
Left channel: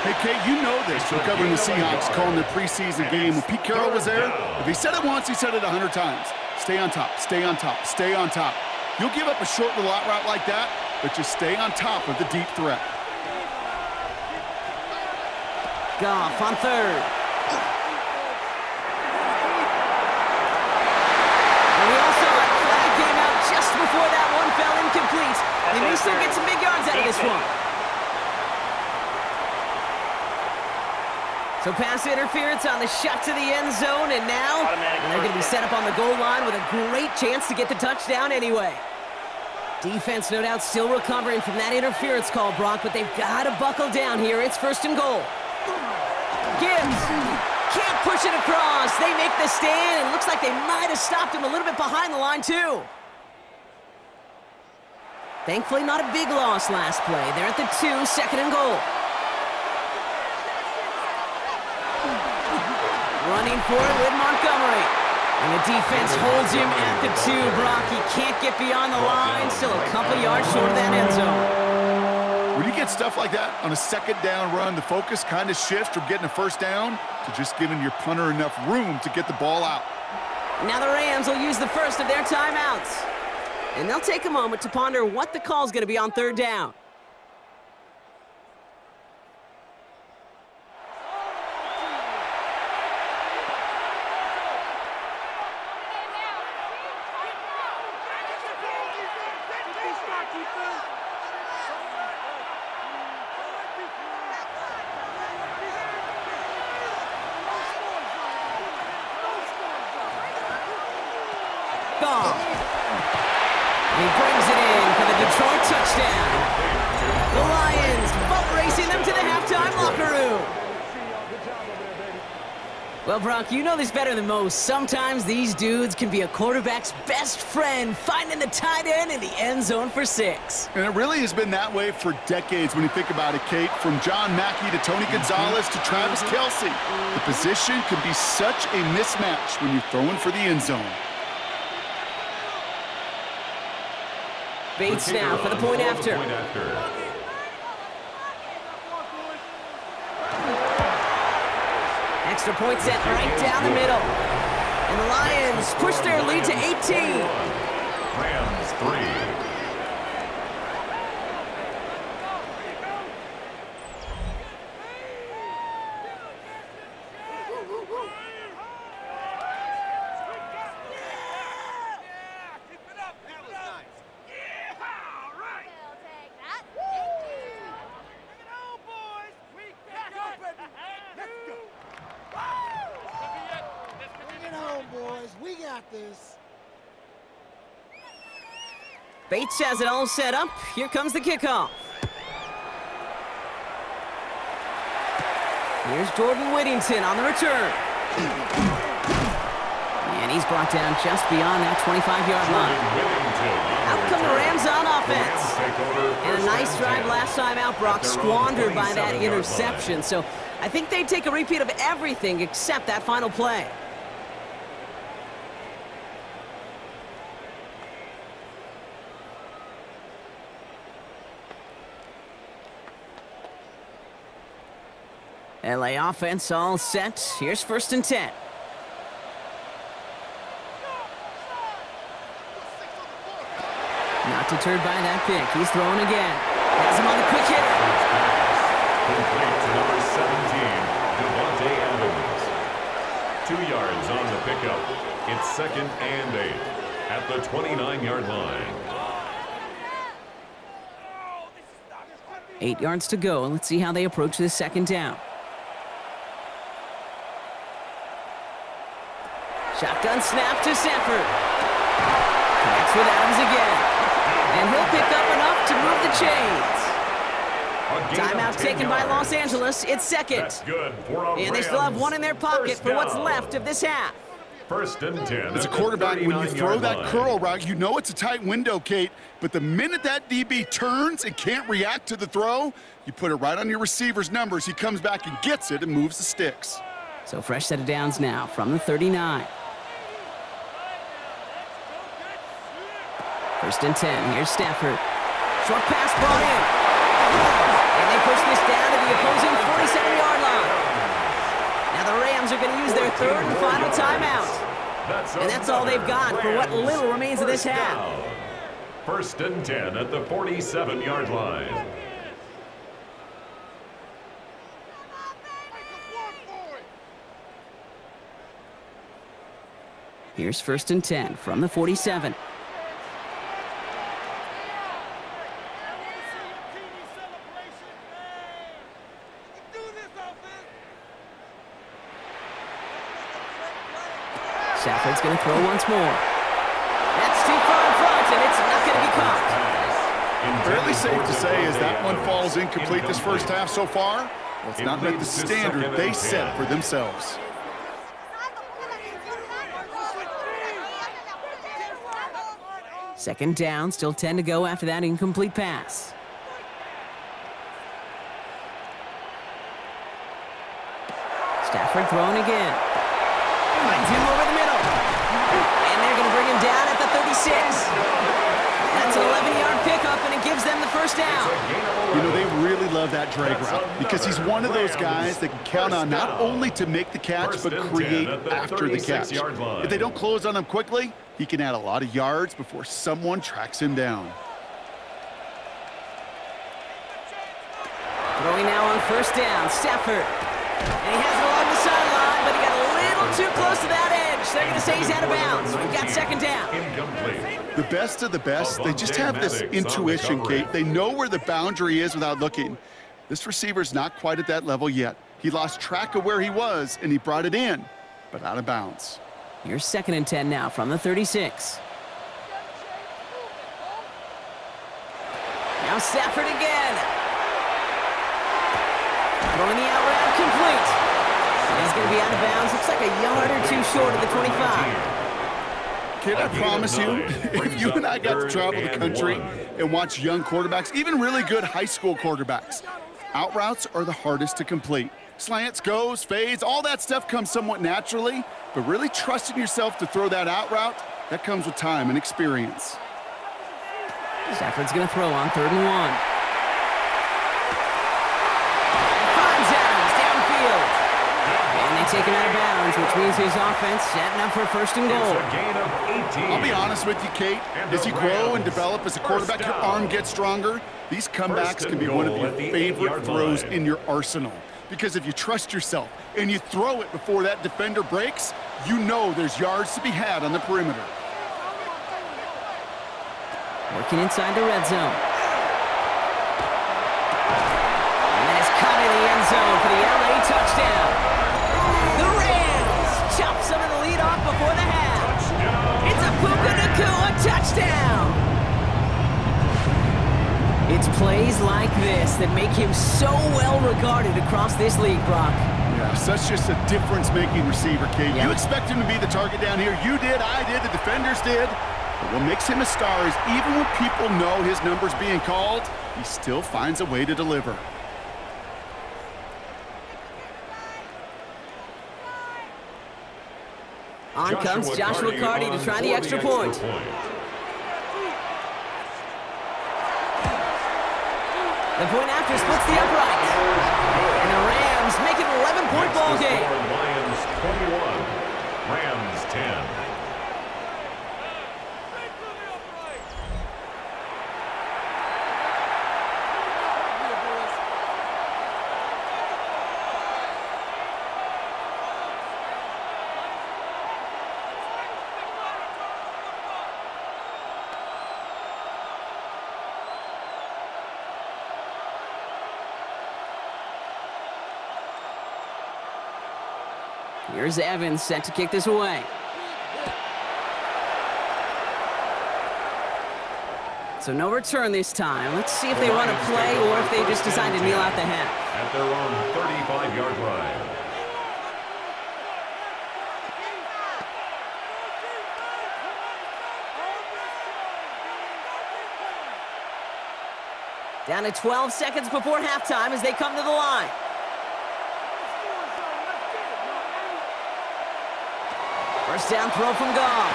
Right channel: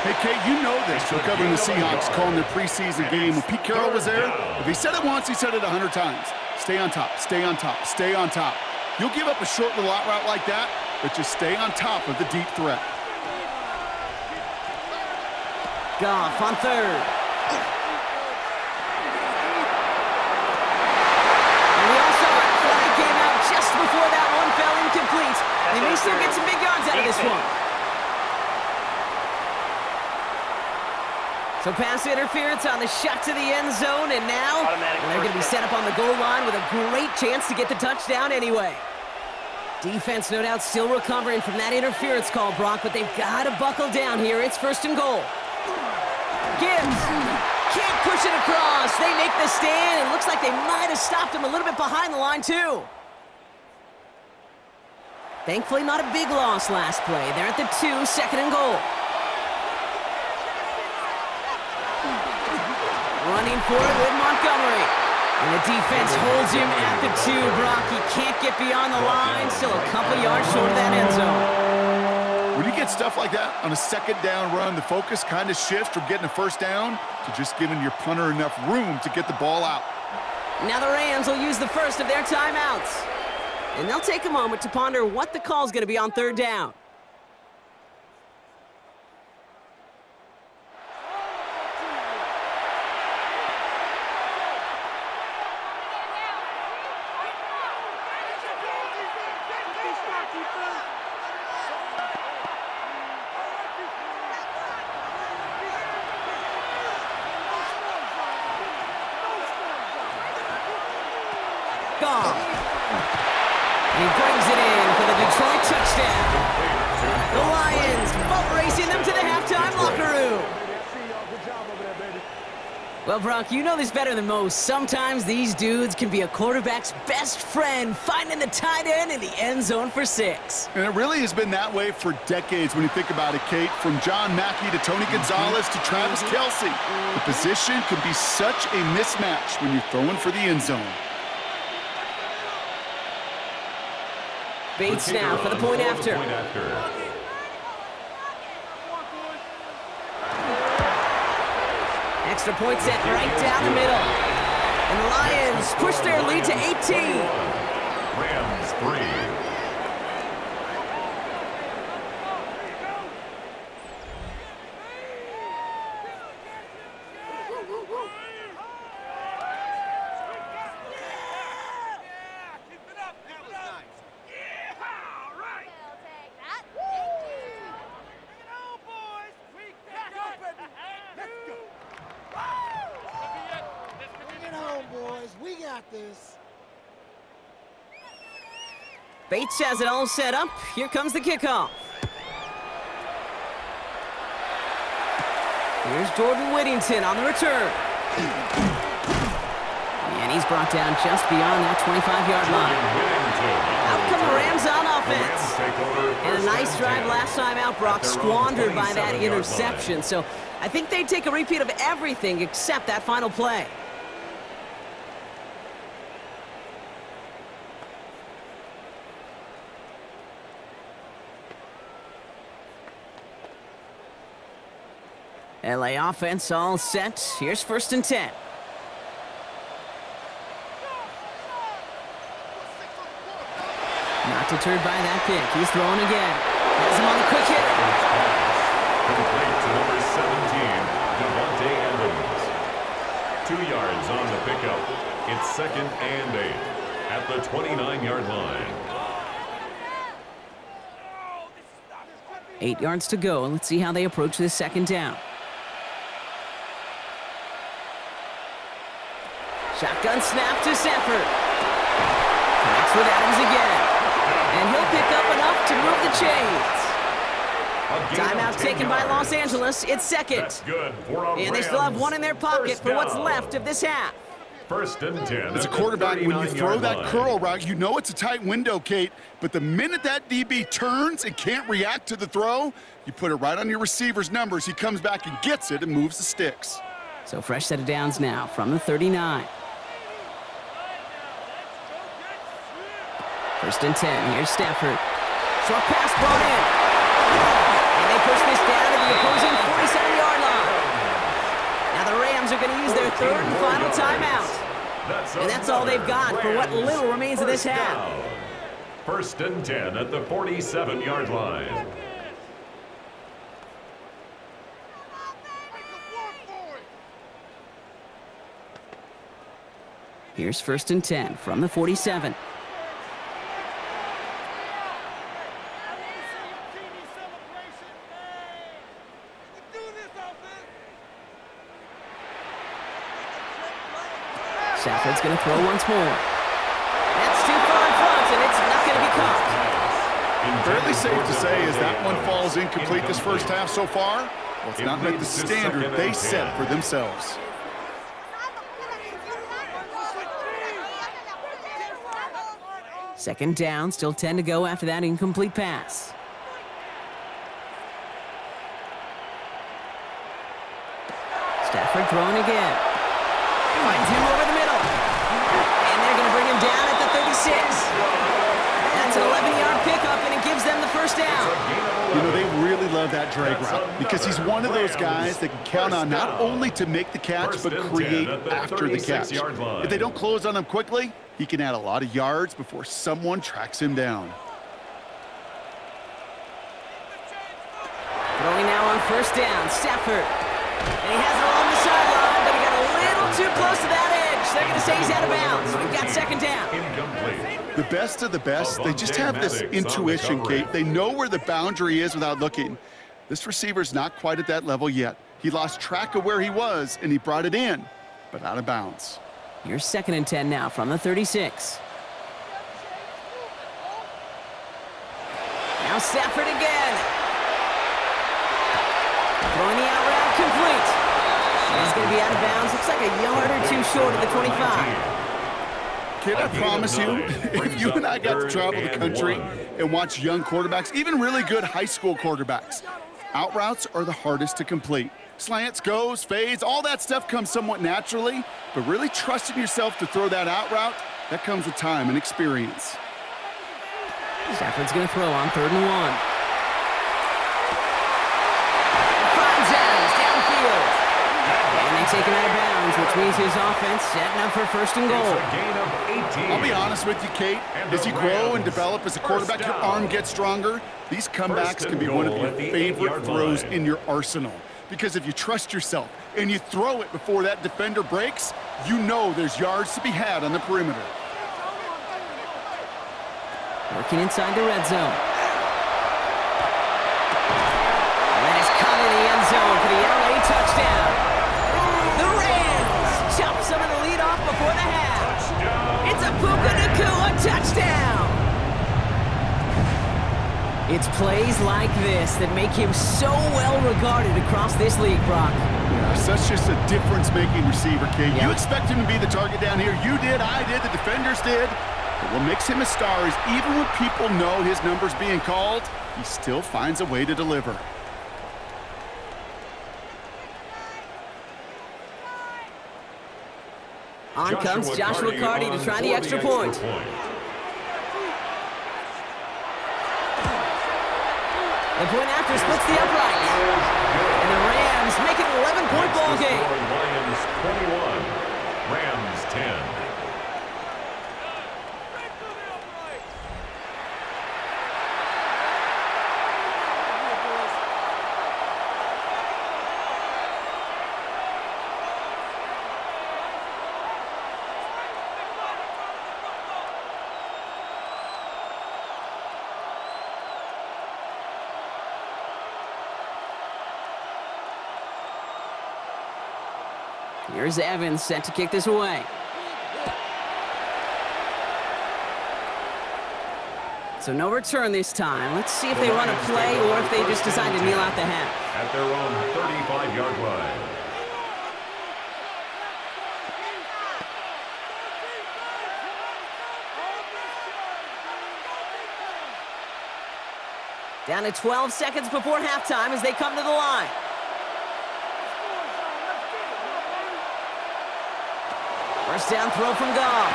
Hey, Kate, you know this from covering the Seahawks, calling their preseason game. When Pete Carroll was there, if he said it once, he said it 100 times. Stay on top, stay on top, stay on top. You'll give up a short little out route like that, but just stay on top of the deep threat. Goff on 3rd. And we all saw it. Flag came out just before that one fell incomplete. They may still get some big yards out of this one. So pass interference on the shot to the end zone, and now they're going to be set up on the goal line with a great chance to get the touchdown anyway. Defense, no doubt, still recovering from that interference call, Brock, but they've got to buckle down here. It's 1st and goal. Gibbs can't push it across. They make the stand, and looks like they might have stopped him a little bit behind the line, too. Thankfully, not a big loss last play. They're at the 2, 2nd and goal. Running for it with Montgomery. And the defense holds him at the 2, Brock. He can't get beyond the line. Still a couple yards short of that end zone. When you get stuff like that on a 2nd down run, the focus kind of shifts from getting a 1st down to just giving your punter enough room to get the ball out. Now the Rams will use the first of their timeouts. And they'll take a moment to ponder what the call's going to be on 3rd down. Goff. He brings it in for the Detroit touchdown. The Lions boat racing them to the halftime locker room. Well, Brock, you know this better than most. Sometimes these dudes can be a quarterback's best friend, finding the tight end in the end zone for 6. And it really has been that way for decades when you think about it, Kate. From John Mackey to Tony Gonzalez to Travis Kelce. The position can be such a mismatch when you're throwing for the end zone. Bates now for the point after. Extra point set right down the middle. And the Lions push their lead to 18. Rams 3. got this. Bates has it all set up. Here comes the kickoff. Here's Jordan Whittington on the return. And he's brought down just beyond that 25-yard line. Out come the Rams on offense. And a nice drive last time out, Brock, squandered by that interception. So I think they'd take a repeat of everything except that final play. LA offense all set. Here's 1st and 10. Not deterred by that pick. He's throwing again. Has him on the quick hitter. First pass. Complete to number 17, Devontae Adams. 2 yards on the pickup. It's 2nd and 8 at the 29-yard line. 8 yards to go. Let's see how they approach this 2nd down. Shotgun snap to Stafford. Connects with Adams again. And he'll pick up enough to move the chains. Timeout taken by Los Angeles. It's 2nd. That's good for a And they still have Rams 1 in their pocket first for what's down. left of this half. 1st and 10. As a at the quarterback, when you throw 39-yard that line. curl route, you know it's a tight window, Kate. But the minute that DB turns and can't react to the throw, you put it right on your receiver's numbers. He comes back and gets it and moves the sticks. So fresh set of downs now from the 39. 1st and 10. Here's Stafford. Short pass brought in. And they push this down to the opposing 47-yard line. Now the Rams are going to use their 3rd and final timeout. And that's all they've got for what little remains of this half. 1st and 10 at the 47-yard line. Here's 1st and 10 from the 47. Stafford's going to throw once more. That's too far in front, and it's not going to be caught. Fairly safe to say as that one falls incomplete this first half so far. Well, it's not met the standard they set for themselves. Second down, still 10 to go after that incomplete pass. Stafford throwing again. Finds him over the middle. And they're going to bring him down at the 36. That's an 11-yard pickup, and it gives them the first down. You know, they really love that drag route because he's one of those guys that can count on not only to make the catch, but create after the catch. If they don't close on him quickly, he can add a lot of yards before someone tracks him down. Throwing now on 1st down, Stafford. And he has it along the sideline, but he got a little too close to that edge. They're going to say he's out of bounds. We've got 2nd down. Incomplete. The best of the best, they just have this intuition, Kate. They know where the boundary is without looking. This receiver's not quite at that level yet. He lost track of where he was, and he brought it in, but out of bounds. Here's 2nd and 10 now from the 36. Now Stafford again. Throwing the out route complete. And he's going to be out of bounds. Looks like a yard or 2 short of the 25. Kid, I promise you, if you and I got to travel the country and watch young quarterbacks, even really good high school quarterbacks, out routes are the hardest to complete. Slants, goes, fades, all that stuff comes somewhat naturally, but really trusting yourself to throw that out route, that comes with time and experience. Stafford's going to throw on 3rd and 1. And finds Adams downfield. And they take him out of bounds, which means his offense setting up for 1st and goal. It's a gain of 18. I'll be honest with you, Kate. As you grow and develop as a quarterback, your arm gets stronger. These comebacks can be one of your favorite throws in your arsenal. Because if you trust yourself and you throw it before that defender breaks, you know there's yards to be had on the perimeter. Working inside the red zone. And that is caught in the end zone for the LA touchdown. The Rams chop some of the lead off before the half. Touchdown! It's a Puka Nacua touchdown! It's plays like this that make him so well regarded across this league, Brock. Yeah, such just a difference-making receiver, Kate. Yeah. You expect him to be the target down here. You did, I did, the defenders did. But what makes him a star is even when people know his number's being called, he still finds a way to deliver. On comes Joshua Carty to try the extra point. The point after splits the upright. And the Rams make it an 11-point ball game. Lions 21, Rams 10. Here's Evans set to kick this away. So no return this time. Let's see if they run a play or if they just decide to kneel out the half. At their own 35-yard line. Down to 12 seconds before halftime as they come to the line. First down throw from Goff.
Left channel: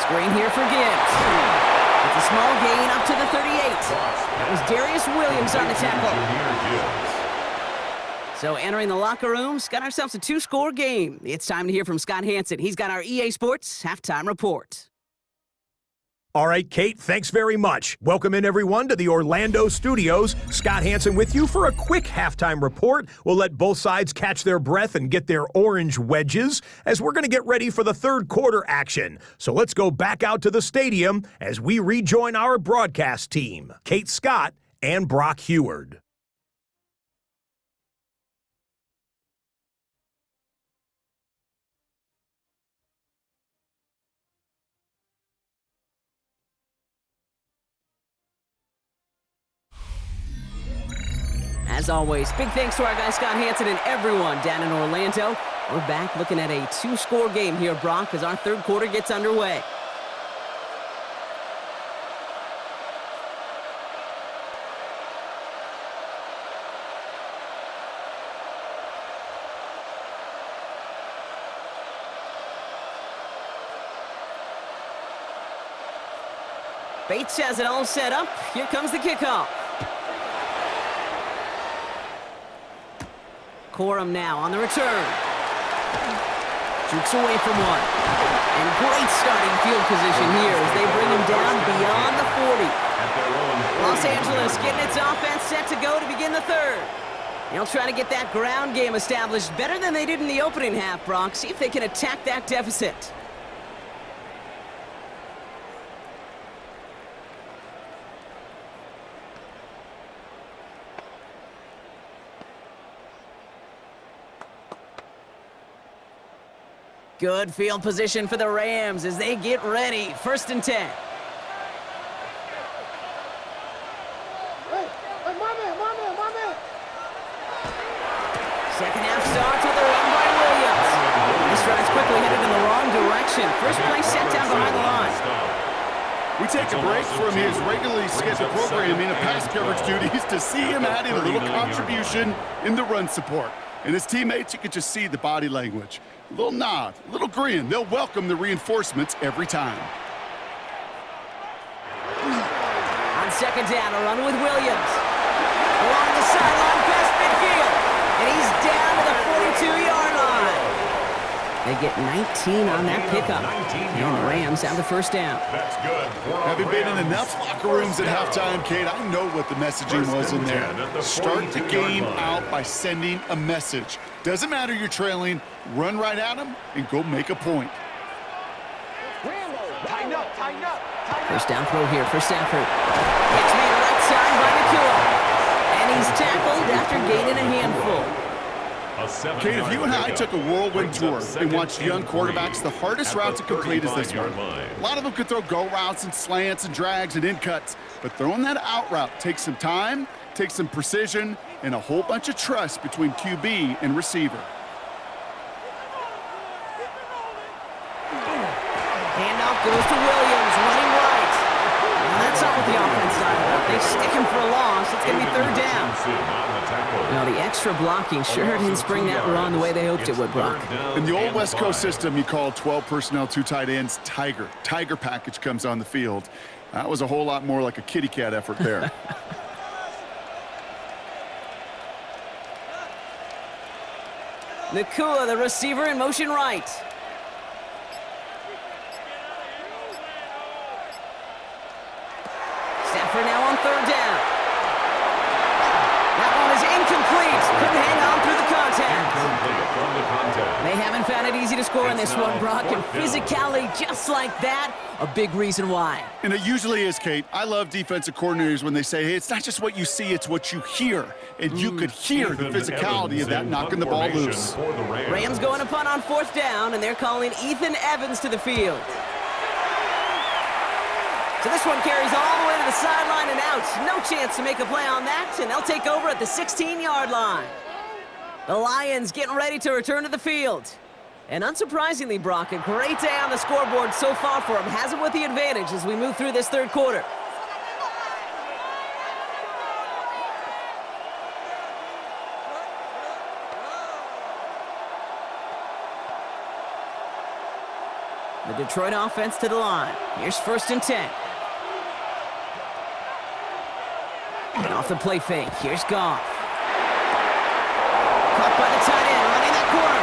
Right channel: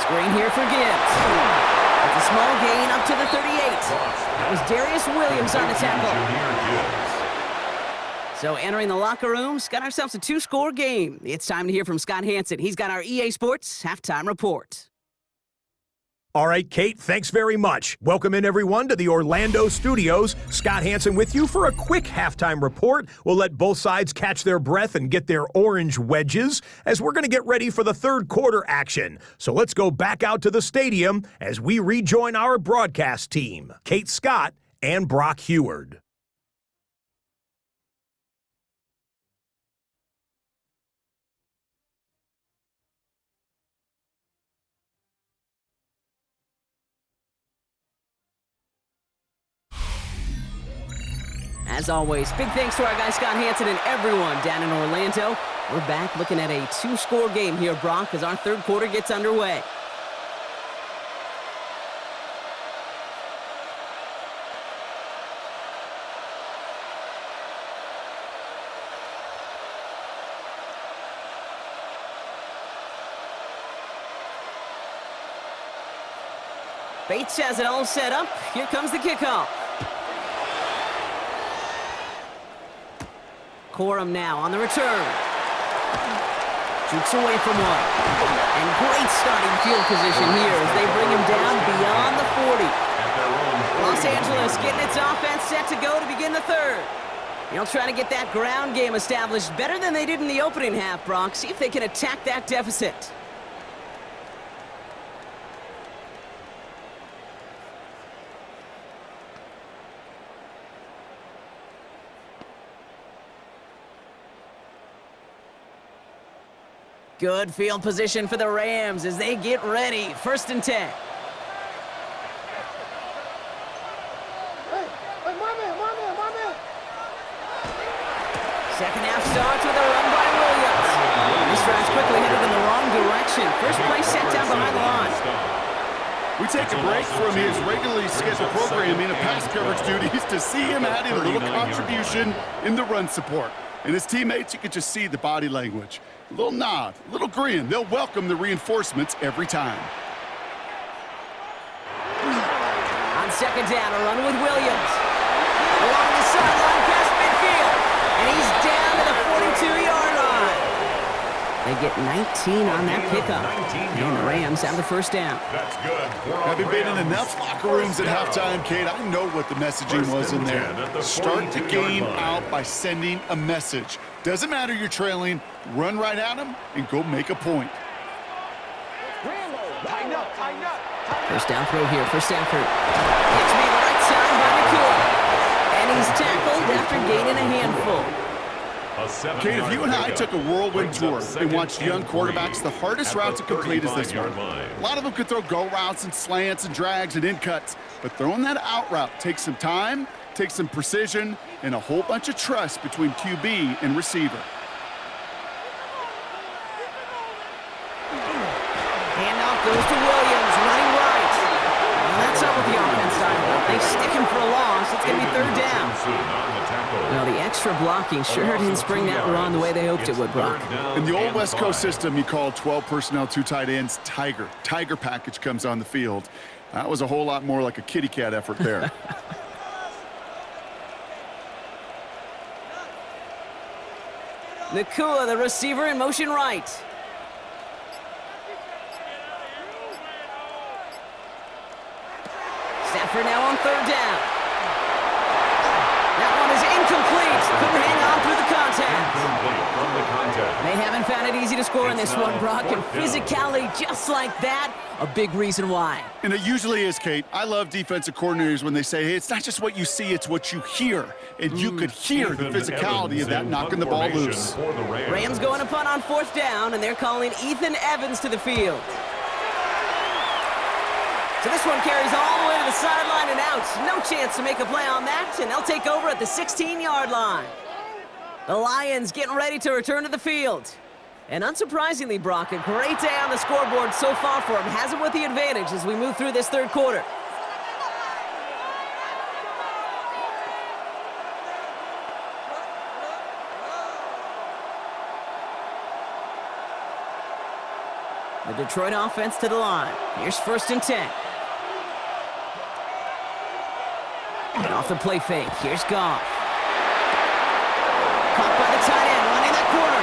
Screen here for Gibbs. It's a small gain up to the 38. That was Darius Williams on the tackle. So entering the locker rooms, got ourselves a 2-score game. It's time to hear from Scott Hansen. He's got our EA Sports halftime report. All right, Kate, thanks very much. Welcome in, everyone, to the Orlando studios. Scott Hansen with you for a quick halftime report. We'll let both sides catch their breath and get their orange wedges as we're going to get ready for the third quarter action. So let's go back out to the stadium as we rejoin our broadcast team, Kate Scott and Brock Heward. As always, big thanks to our guy Scott Hansen and everyone down in Orlando. We're back looking at a 2-score game here, Brock, as our third quarter gets underway. Bates has it all set up. Here comes the kickoff. Corum now on the return. Jukes away from one. And great starting field position here as they bring him down beyond the 40. Los Angeles getting its offense set to go to begin the third. They'll try to get that ground game established better than they did in the opening half, Brock. See if they can attack that deficit. Good field position for the Rams as they get ready. 1st and 10. Second half starts with a run by Williams. This drive's quickly headed in the wrong direction. First play set down behind the line. We take a break from his regularly scheduled programming of pass coverage duties to see him adding a little contribution in the run support. And his teammates, you could just see the body language. A little nod, a little grin. They'll welcome the reinforcements every time. On second down, a run with Williams. Along the sideline, past midfield. And he's down to the 42-yard line. They get 19 on that pickup. And the Rams have the first down. That's good. Having been in enough locker rooms at halftime, Kate, I know what the messaging was in there. Start the game out by sending a message. Doesn't matter you're trailing, run right at them and go make a point. First down throw here for Stafford. It's made right side by Nacua. And he's tackled after gaining a handful. A 7-yard Kate, if you and I pickup took a whirlwind brings tour up and second watched young and quarterbacks, the 3 hardest at route the to complete is this one. 35-yard line. A lot of them could throw go routes and slants and drags and in cuts, but throwing that out route takes some time, takes some precision, and a whole bunch of trust between QB and receiver. Handoff goes to Williams, running right. And that's not what the offense dialed up. They stick him for a loss. It's going to be third down. Well, the extra blocking sure didn't spring that run the way they hoped it would, Brock. In the old West Coast system, you call 12 personnel, 2 tight ends, Tiger. Tiger package comes on the field. That was a whole lot more like a kitty cat effort there. Nakua, the receiver, in motion right. Stafford now on third down. That one is incomplete. Couldn't hang on through the contact. Incomplete from the contact. They haven't found it easy to score in It's this one, now Brock, and fourth down. physicality just like that, a big reason why. And it usually is, Kate. I love defensive coordinators when they say, hey, it's not just what you see, it's what you hear. And you could hear the Ethan physicality Evans of that in knocking the punt ball formation loose. for the Rams going to punt on fourth down, and they're calling Ethan Evans to the field. So this one carries all the way to the sideline and out. No chance to make a play on that, and they'll take over at the 16-yard line. The Lions getting ready to return to the field. And unsurprisingly, Brock, a great day on the scoreboard so far for them. Has them with the advantage as we move through this third quarter. The Detroit offense to the line. Here's first and 10. And off the play fake. Here's Goff. Caught by the tight end, running that corner.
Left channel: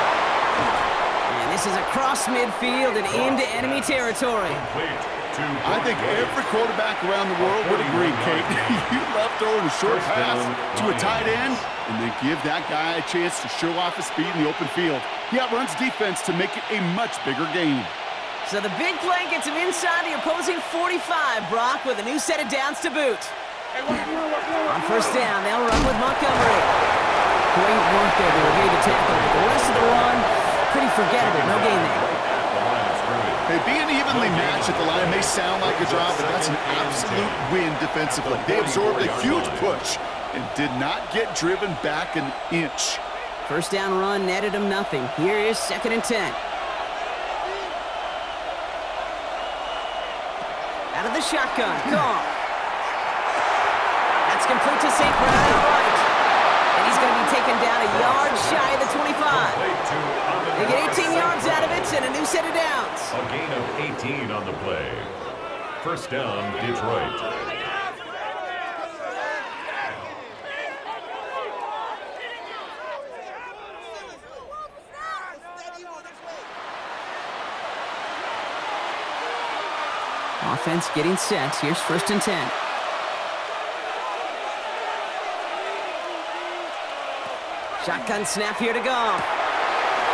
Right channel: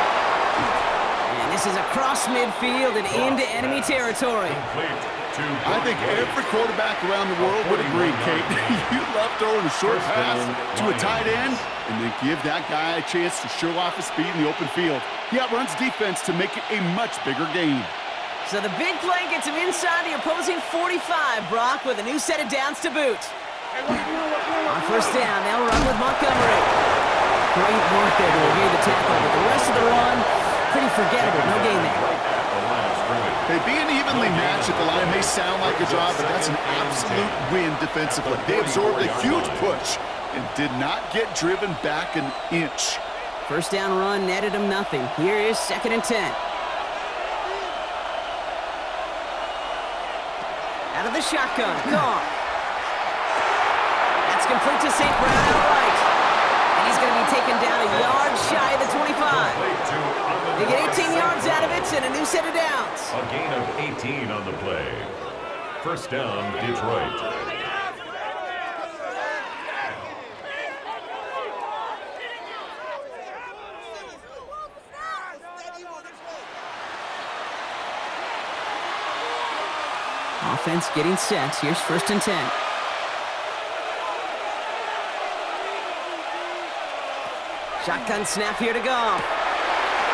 And this is across midfield and into enemy territory. I think every quarterback around the world would agree, Kate. You love throwing a short pass to a tight end and then give that guy a chance to show off his speed in the open field. He outruns defense to make it a much bigger game. So the big play gets him inside the opposing 45, Brock, with a new set of downs to boot. On first down, they'll run with Montgomery. Great work there to evade the tackle, but the rest of the run, pretty forgettable. No gain there. Hey, being evenly matched at the line may sound like a draw, but that's an absolute win defensively. They absorbed a huge push and did not get driven back an inch. First down run netted him nothing. Here is second and 10. Out of the shotgun, Goff. That's complete to St. Brown outright. And he's going to be taken down a yard shy of the 25. They get 18 yards out of it and a new set of downs. A gain of 18 on the play. First down, Detroit. Offense getting set. Here's first and 10. Shotgun snap here to Goff.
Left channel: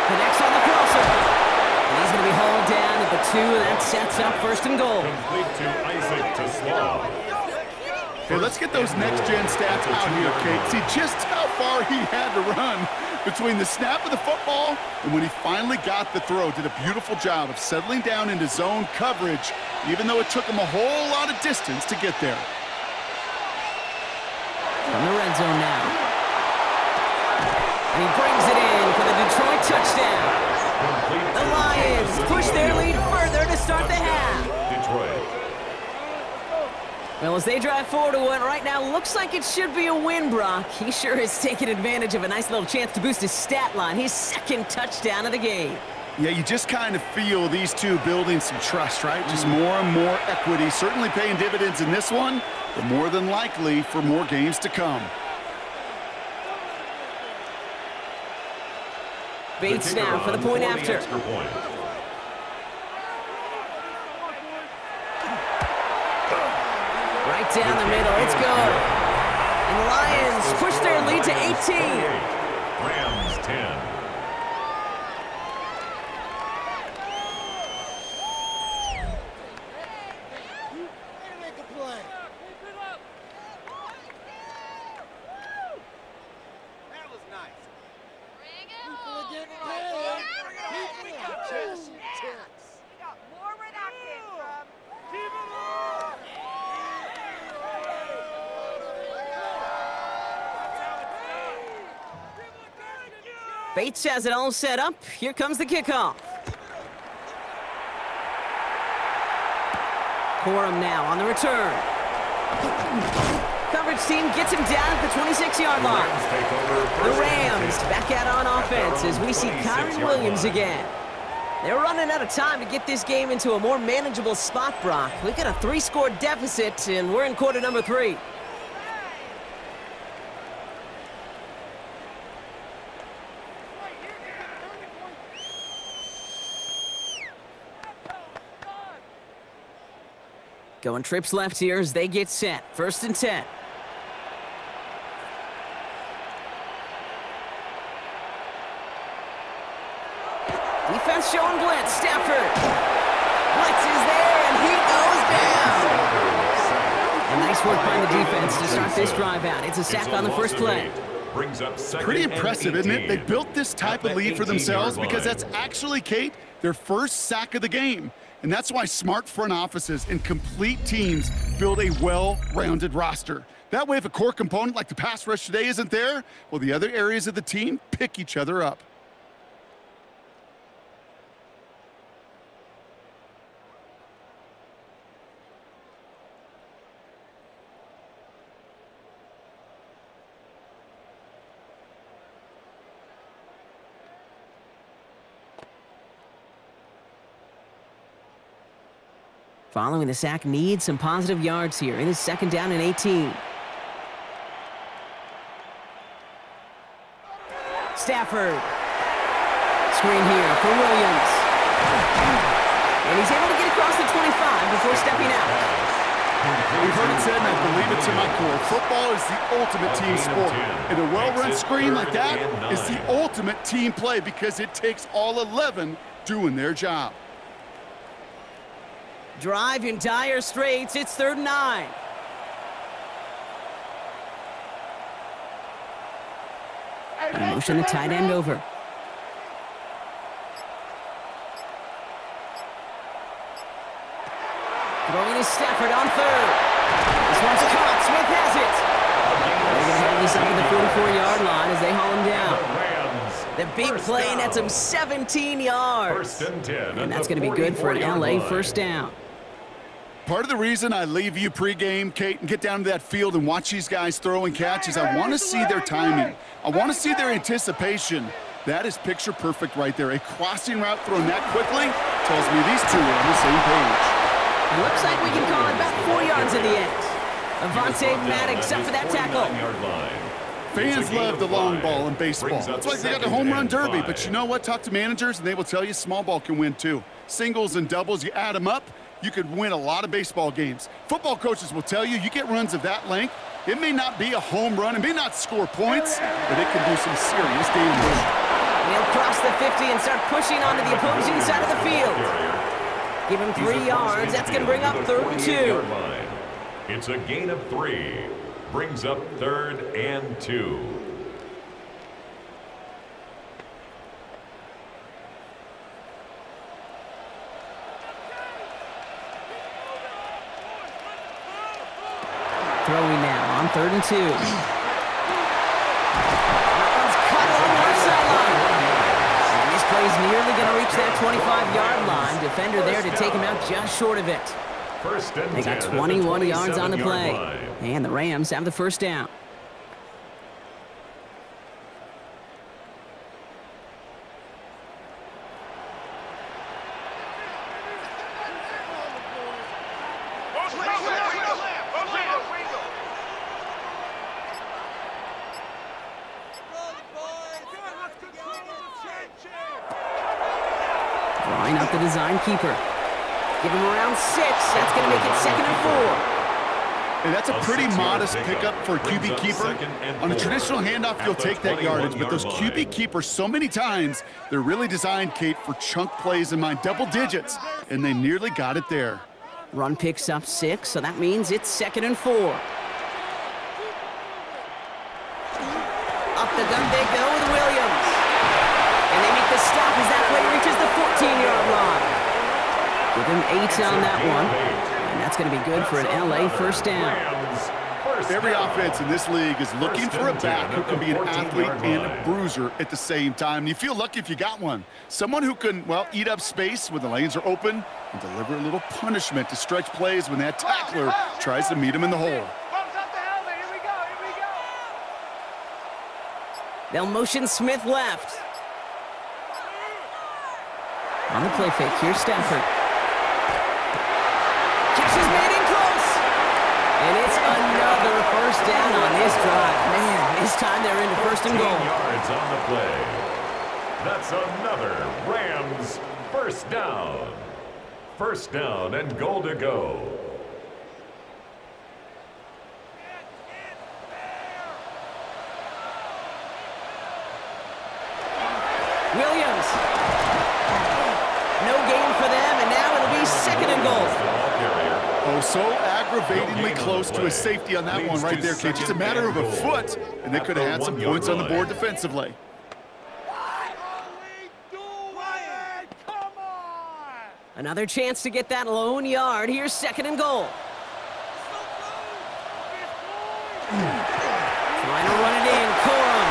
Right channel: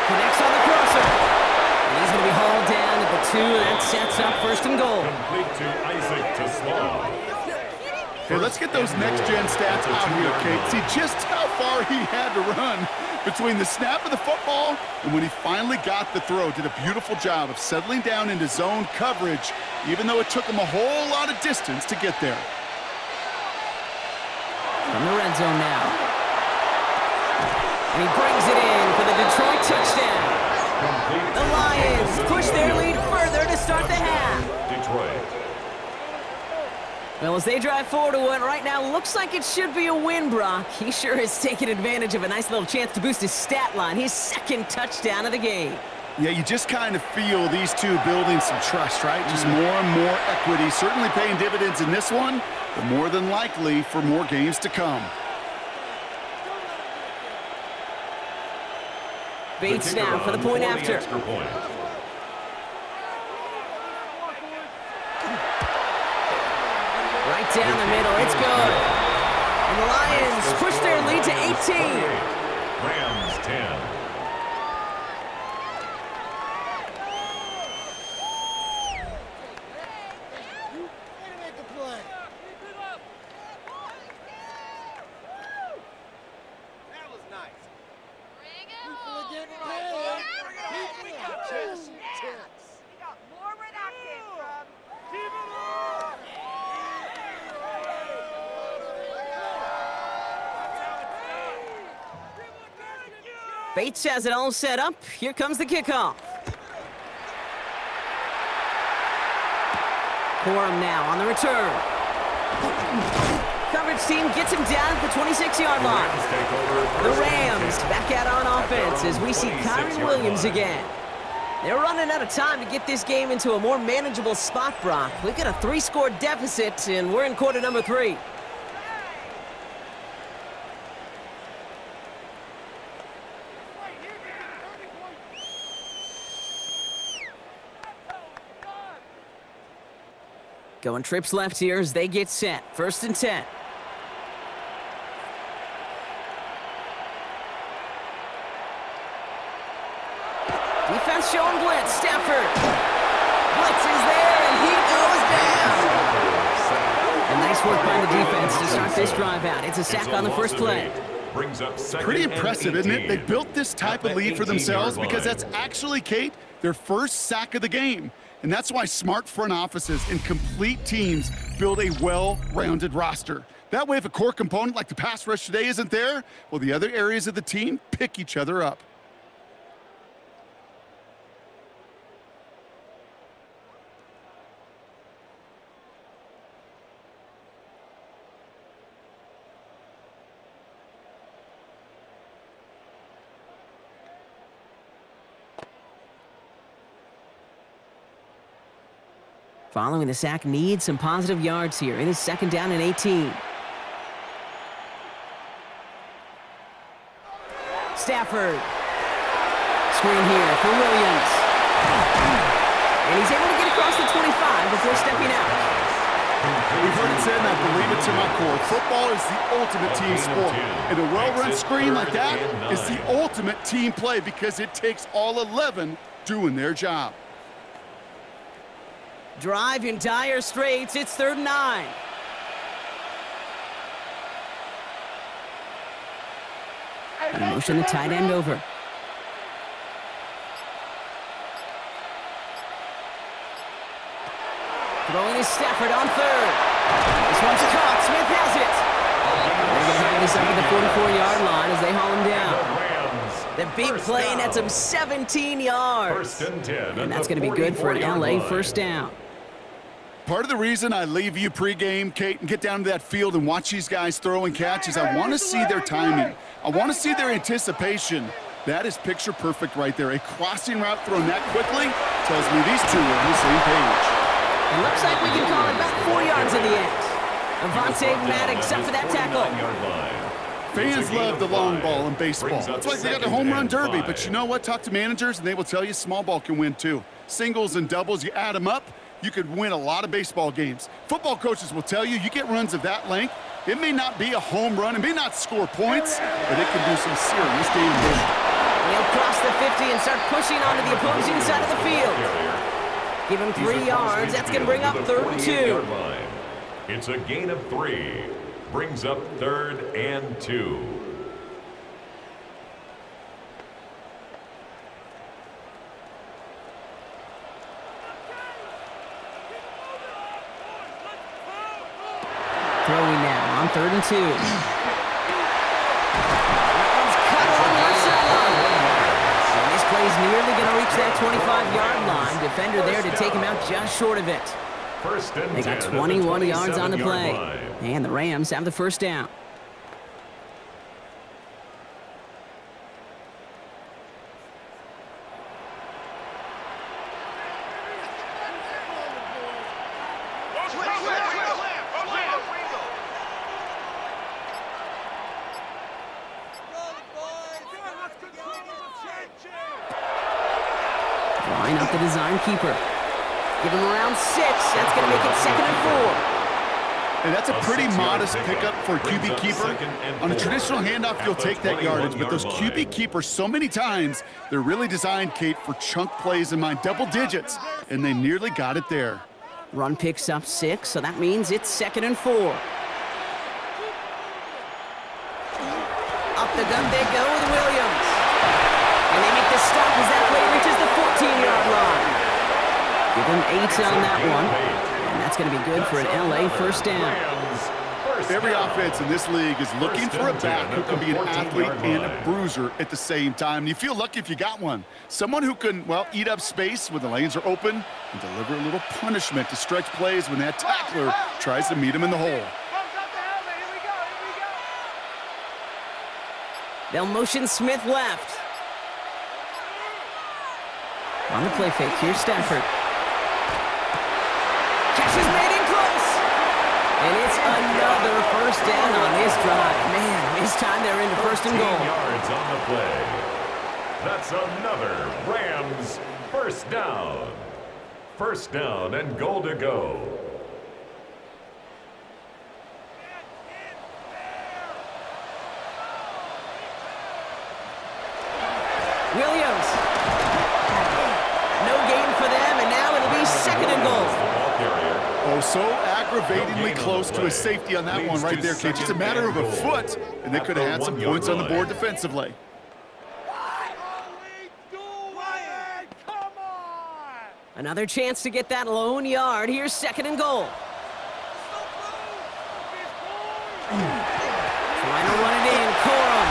Connects on the crosser. And he's going to be hauled down at the 2, and that sets up first and goal. Complete to Isaac to Slaw. Hey, let's get those next-gen stats out here, Kate. See just how far he had to run between the snap of the football and when he finally got the throw. Did a beautiful job of settling down into zone coverage, even though it took him a whole lot of distance to get there. From the red zone now. And he brings it in for the Detroit touchdown. The Lions push their lead further to start the half. Detroit. Well, as they drive forward to what right now looks like it should be a win, Brock. He sure has taken advantage of a nice little chance to boost his stat line. His second touchdown of the game. Yeah, you just kind of feel these two building some trust, right? Just more and more equity. Certainly paying dividends in this one, but more than likely for more games to come. Bates now for the point after. Extra point. Right down the middle, it's good. And the Lions push their lead to 18. Rams 10. That was nice. Bring it More where that came from. Bates has it all set up. Here comes the kickoff. Corum now on the return. Coverage team gets him down at the 26-yard line. The Rams back out on offense as we see Kyron Williams again. They're running out of time to get this game into a more manageable spot, Brock. We've got a 3-score deficit, and we're in quarter number 3. Going trips left here as they get set. 1st and 10. Defense showing blitz. Stafford. Blitz is there, and he goes down. And nice work by the defense to start this drive out. It's a sack on the first play. Pretty impressive, isn't it? They built this type of lead for themselves because that's actually, Kate, their first sack of the game. And that's why smart front offices and complete teams build a well-rounded roster. That way, if a core component like the pass rush today isn't there, well, the other areas of the team pick each other up. Following the sack, needs some positive yards here. It is 2nd down and 18. Stafford. Screen here for Williams. And he's able to get across the 25 before stepping out. We've heard it said, and I believe it to my core, football is the ultimate team sport. And a well-run screen like that is the ultimate team play because it takes all 11 doing their job. Drive in dire straits. It's 3rd and 9. And motion the tight end over. Throwing is Stafford on 3rd. This one's caught. Smith has it. They're going to have this up at the 44-yard line as they haul him down. The big play nets him 17 yards. And that's going to be good for an LA first down. Part of the reason I leave you pregame, Kate, and get down to that field and watch these guys throw and catch is I want to see their timing. I want to see their anticipation. That is picture perfect right there. A crossing route thrown that quickly tells me these two are on the same page. It looks like we can call it about 4 yards in the end. Avante Maddox up for that tackle. Fans love the long ball in baseball. It's like they got the home run derby, but you know what? Talk to managers, and they will tell you small ball can win too. Singles and doubles, you add them up, you could win a lot of baseball games. Football coaches will tell you get runs of that length. It may not be a home run, it may not score points, but it can do some serious damage. And he'll cross the 50 and start pushing onto the opposing side of the field. Give him 3 yards. That's going to bring up 3rd and 2. It's a gain of 3. Brings up 3rd and 2. Throwing now on 3rd and 2. That one's cut along the left sideline. And this play's nearly going to reach that 25-yard line. Defender there to take him out just short of it. They got 21 yards on the play. And the Rams have the first down. Drawing up the design keeper. Give him around 6. That's going to make it 2nd and 4. And that's a pretty modest pickup for a QB keeper. On a traditional handoff, you'll take that yardage, but those QB keepers, so many times, they're really designed, Kate, for chunk plays in mind, double digits, and they nearly got it there. Run picks up 6, so that means it's 2nd and 4. Up the gut they go with Williams. And they make the stop as that play reaches the 14-yard line. Give him 8 on that one. And that's going to be good for an LA first down. Every offense in this league is looking for a back who can be an athlete and a bruiser at the same time. You feel lucky if you got one. Someone who can, well, eat up space when the lanes are open and deliver a little punishment to stretch plays when that tackler tries to meet him in the hole. They'll motion Smith left. On the play fake, here's Stafford. Catch is made in close. And it's another first down on this drive. Man, this time they're into first and goal. 15 yards on the play. That's another Rams first down. First down and goal to go. Williams. No gain for them, and now it'll be second and goal. Oh, so aggravatingly close to a safety on that one right there, Kate. Just a matter of a foot, and they could have had some points on the board defensively. Another chance to get that lone yard. Here's second and goal. Trying to run it in, Corum.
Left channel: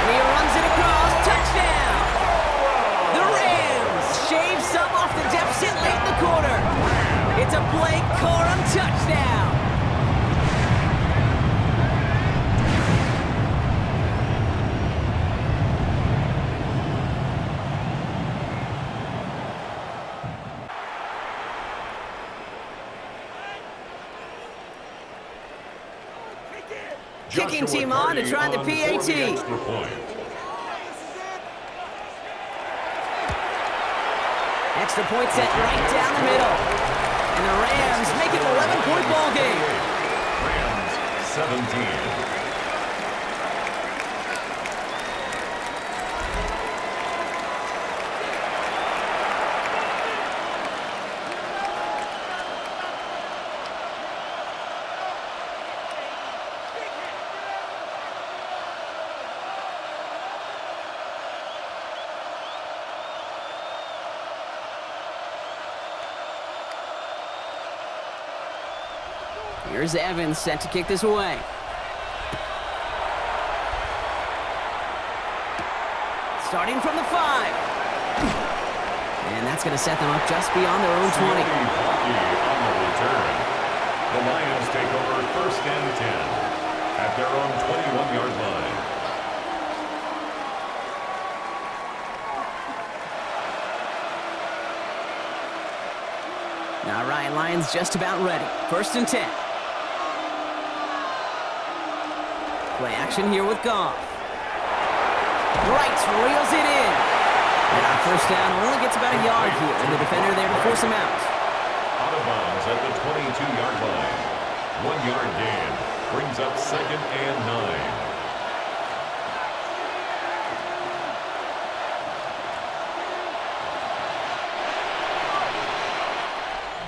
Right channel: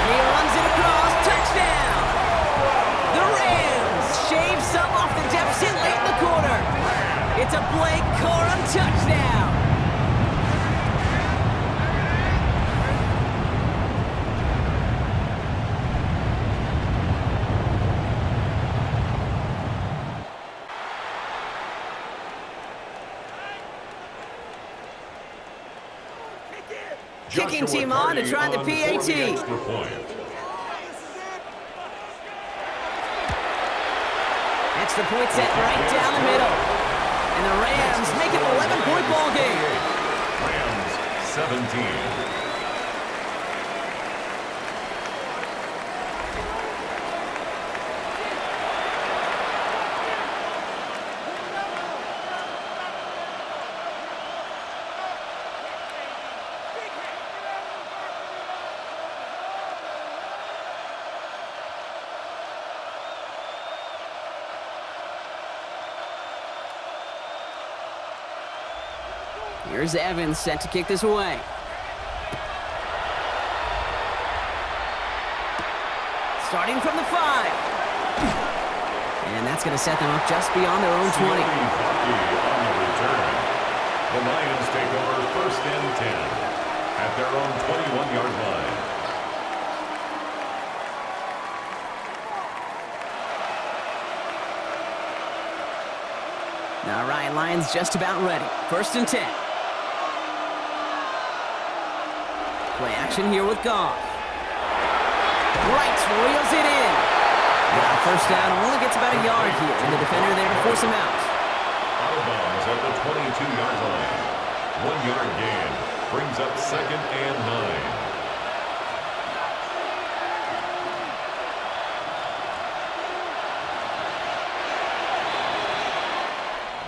And he runs it across. Touchdown! The Rams shave some off the deficit late in the quarter. It's a Blake Corum touchdown. Kicking team on to try the PAT. Extra point set right down the middle. And the Rams make it an 11-point ball game. Rams 17. Here's Evans set to kick this away. Starting from the 5. And that's going to set them up just beyond their own 20. On the return. The Lions take over first and 10 at their own 21-yard line. All right, Lions just about ready. First and 10. Play action here with Goff. Wright reels it in. And our first down only gets about a yard here, and the defender there to force him out. Out of bounds at the 22-yard line. 1 yard gain brings up second and 9.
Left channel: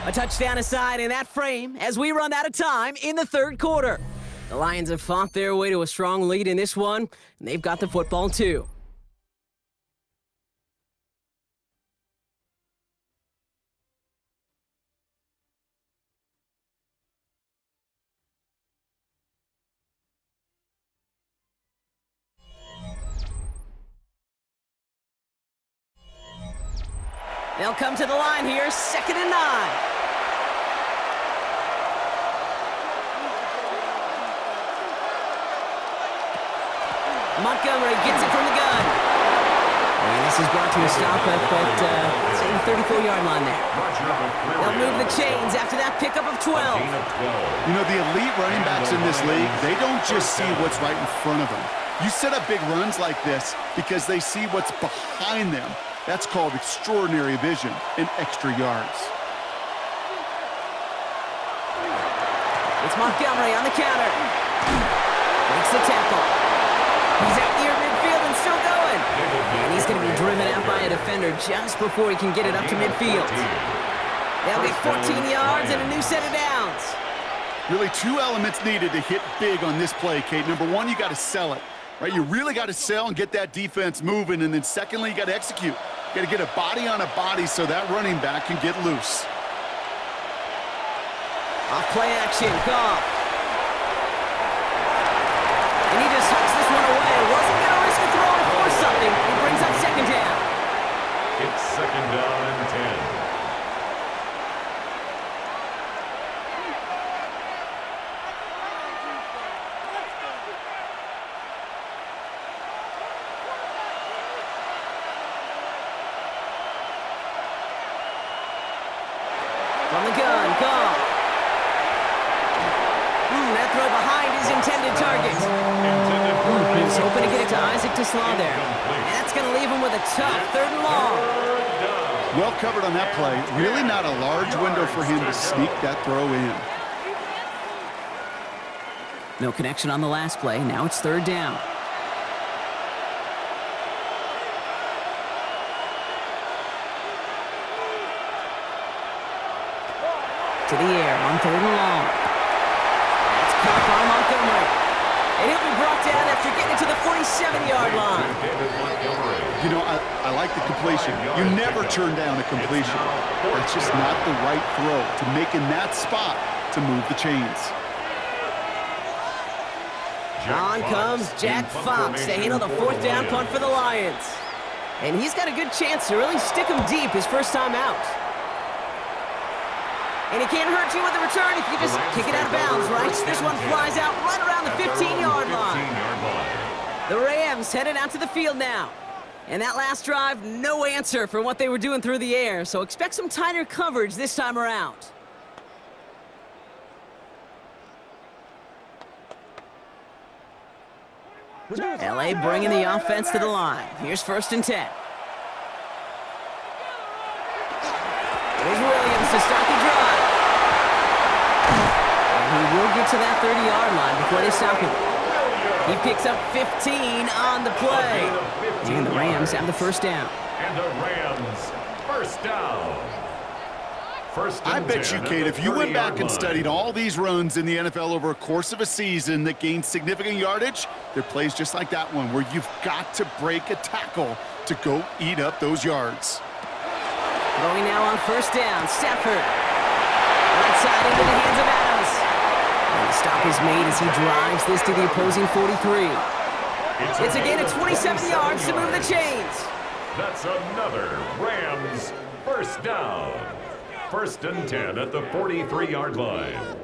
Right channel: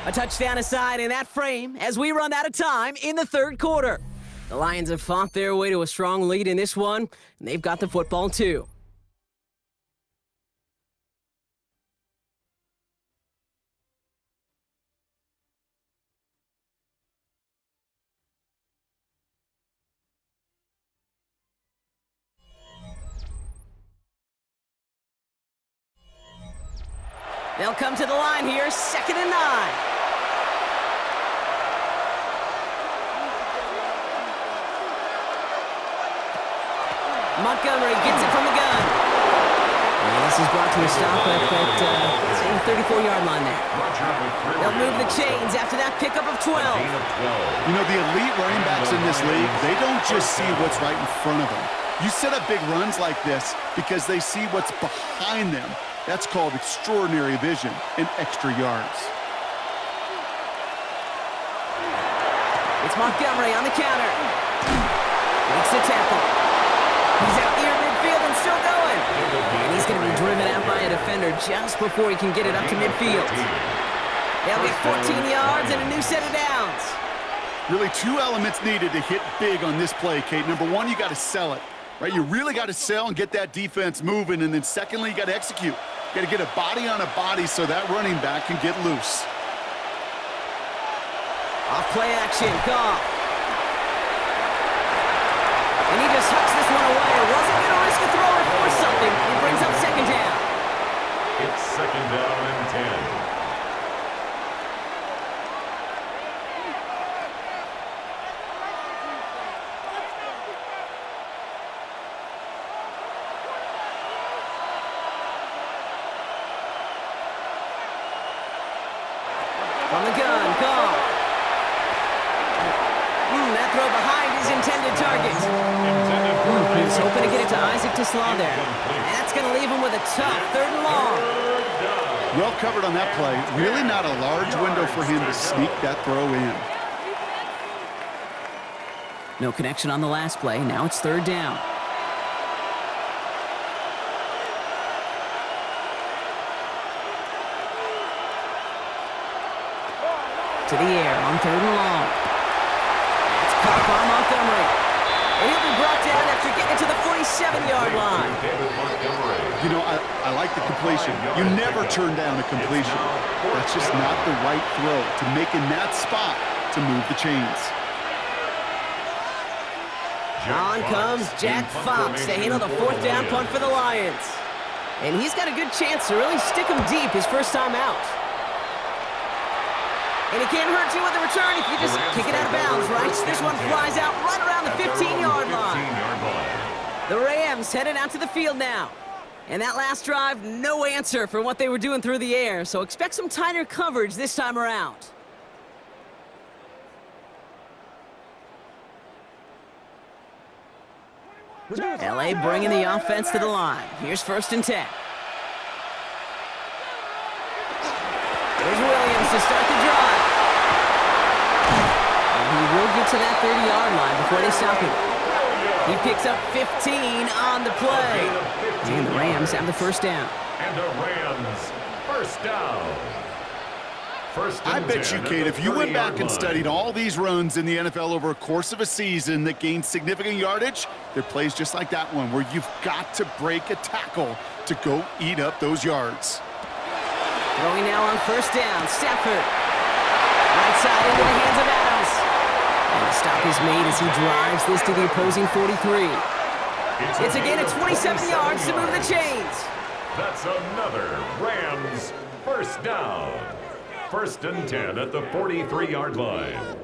A touchdown aside in that frame as we run out of time in the third quarter. The Lions have fought their way to a strong lead in this one, and they've got the football too. They'll come to the line here, second and 9. Montgomery gets it from the gun. And this is brought to a stop at the 34-yard line there. They'll move the chains after that pickup of 12. You know, the elite running backs in this league, they don't just see what's right in front of them. You set up big runs like this because they see what's behind them. That's called extraordinary vision and extra yards. It's Montgomery on the counter. Breaks the tackle. He's out near midfield and still going. And he's going to be driven out by a defender just before he can get it up to midfield. They'll get 14 yards and a new set of downs. Really 2 elements needed to hit big on this play, Kate. Number 1, you got to sell it. Right, you really got to sell and get that defense moving, and then secondly, you got to execute. You got to get a body on a body so that running back can get loose. Off play action, Goff. And he just hucks this one away. Wasn't going to risk a throw or force something. He brings up second down. It's second down and 10. From the gun, Goff. That throw behind his intended target. He's hoping to get it to Isaac to Slaw there. And that's going to leave him with a tough 3rd and long. Well covered on that play. Really not a large window for him to sneak that throw in. No connection on the last play. Now it's 3rd down. To the air on 3rd and long. That's caught by Montgomery. And he'll be brought down after getting it to the 47-yard line. You know, I like the completion. You never turn down a completion. That's just not the right throw to make in that spot to move the chains. On comes Jack Fox to handle the 4th down punt for the Lions. And he's got a good chance to really stick him deep his first time out. And it can't hurt you with the return if you just kick it out of bounds, right? This one flies out right around the 15-yard line. The Rams headed out to the field now. And that last drive, no answer for what they were doing through the air, so expect some tighter coverage this time around. LA bringing the offense to the line. Here's 1st and 10. Here's Williams to start the drive. And he will get to that 30-yard line before they stop him. He picks up 15 on the play. And the Rams have the 1st down. And the Rams, 1st down. I bet you, Kate, if you went back and studied all these runs in the NFL over a course of a season that gained significant yardage, there are plays just like that one where you've got to break a tackle to go eat up those yards. Throwing now on 1st down, Stafford. Right side into the hands of Adams. And the stop is made as he drives this to the opposing 43. It's a gain of 27 yards to move the chains. That's another Rams 1st down. 1st and 10 at the 43-yard line.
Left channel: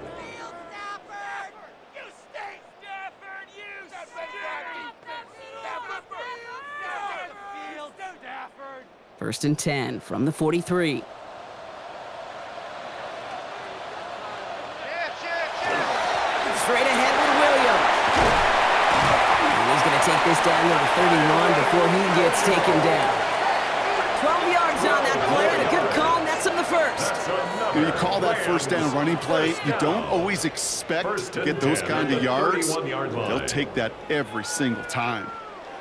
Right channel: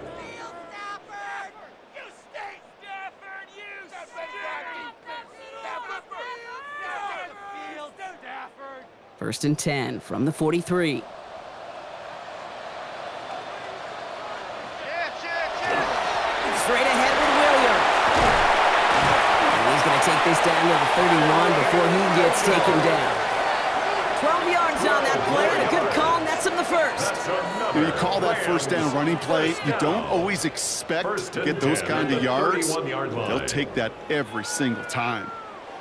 First and 10 from the 43. Straight ahead with Williams. And he's going to take this down to the 31 before he gets taken down. 12 yards on that play, and a good call nets him the 1st. You call that 1st down running play, you don't always expect to get those kind of yards. They'll take that every single time.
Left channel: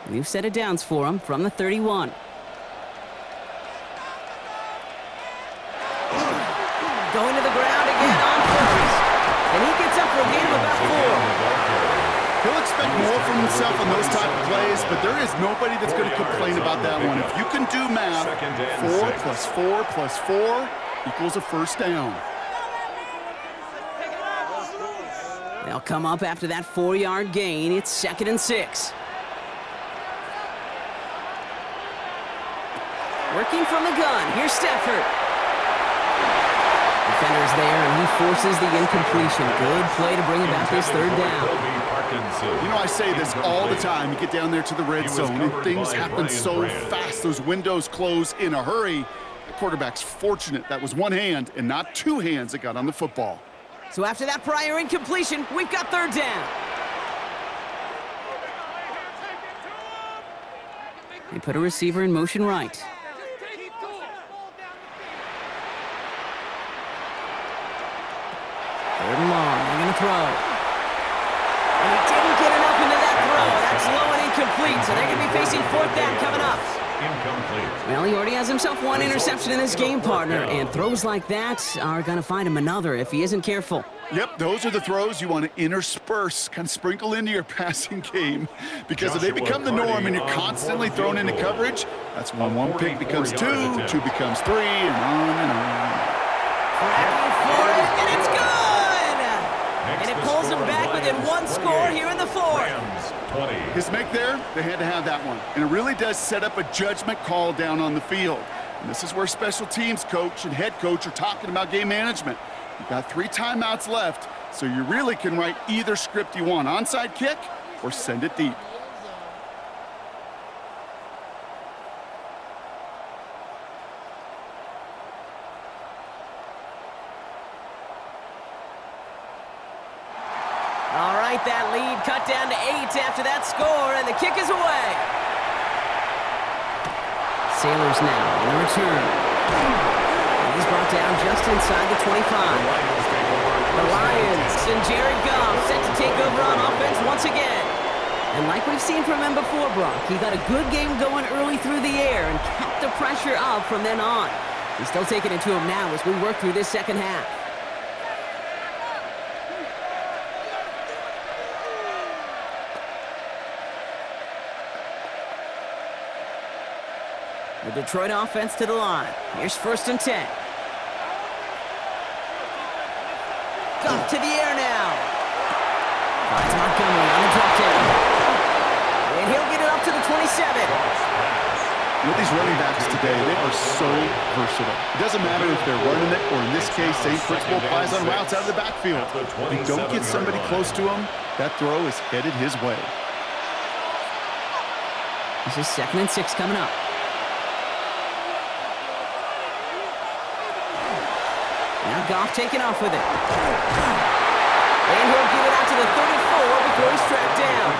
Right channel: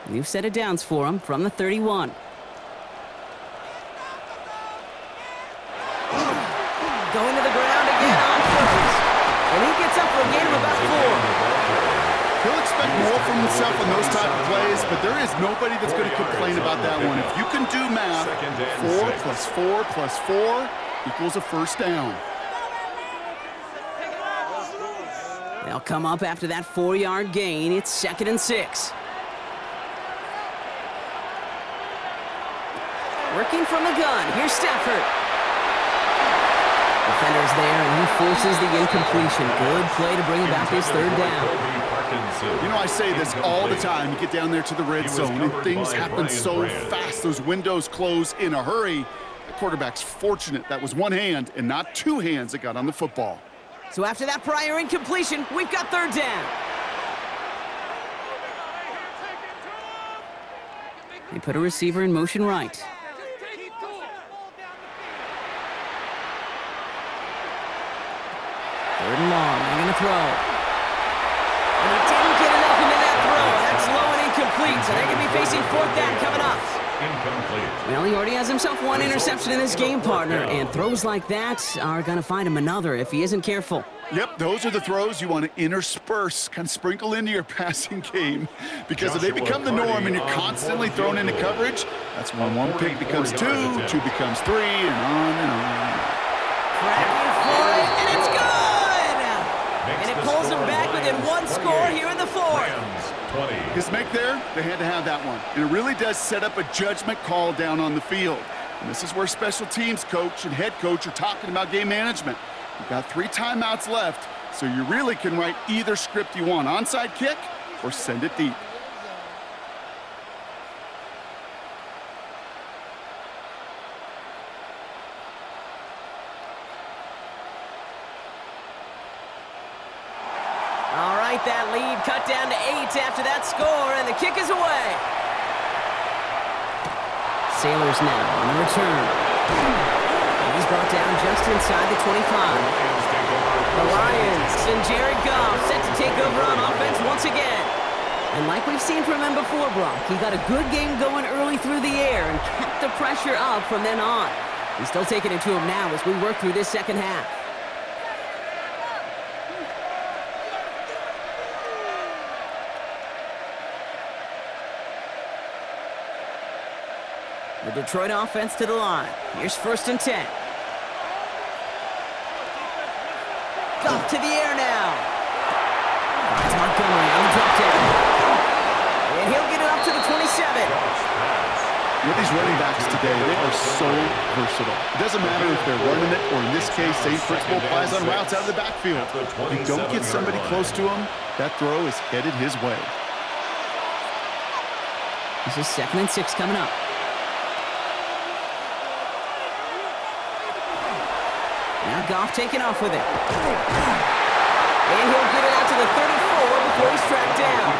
New set of downs for him from the 31. Going to the ground again on 1st. And he gets up for a gain of about 4. He'll expect more from himself on those type of plays, but there is nobody that's going to complain about that one. If you can do math, 4 plus 4 plus 4 equals a 1st down. They'll come up after that 4-yard gain. It's 2nd and 6. Working from the gun. Here's Stafford. Defender's there, and he forces the incompletion. Good play to bring about this 3rd down. You know, I say this all the time. You get down there to the red zone, and things happen so fast. Those windows close in a hurry. The quarterback's fortunate that was one hand and not 2 hands that got on the football. So after that prior incompletion, we've got 3rd down. They put a receiver in motion right. Third and long, they're going to throw. And he didn't get enough into that throw. That's low and incomplete, so they're going to be facing 4th down coming up. incomplete. Well, he already has himself one interception in this game, partner, and throws like that are going to find him another if he isn't careful. Yep, those are the throws you want to intersperse, kind of sprinkle into your passing game. Because if they become the norm and you're constantly thrown into coverage, that's when one pick becomes two, two becomes three, and on and on. Cracking for it, and it's good! And it pulls them back within one score here in the fourth. His make there, they had to have that one. And it really does set up a judgment call down on the field. And this is where special teams coach and head coach are talking about game management. You've got 3 timeouts left, so you really can write either script you want, onside kick or send it deep. All right, that lead cut down to 8 after that score, and the kick is away. Sailors now on the return. And he's brought down just inside the 25. The Lions and Jared Goff set to take over on offense once again. And like we've seen from him before, Brock, he got a good game going early through the air and kept the pressure up from then on. He's still taking it to him now as we work through this second half. The Detroit offense to the line. Here's 1st and 10. Goff to the air now. Finds Montgomery on the drop down. And he'll get it up to the 27. You know, these running backs today, they are so versatile. It doesn't matter if they're running it, or in this case, same principle applies on routes out of the backfield. If you don't get somebody close to him, that throw is headed his way. This is 2nd and 6 coming up. Now Goff taking off with it. And he'll get it out to the 34 before he's tracked down.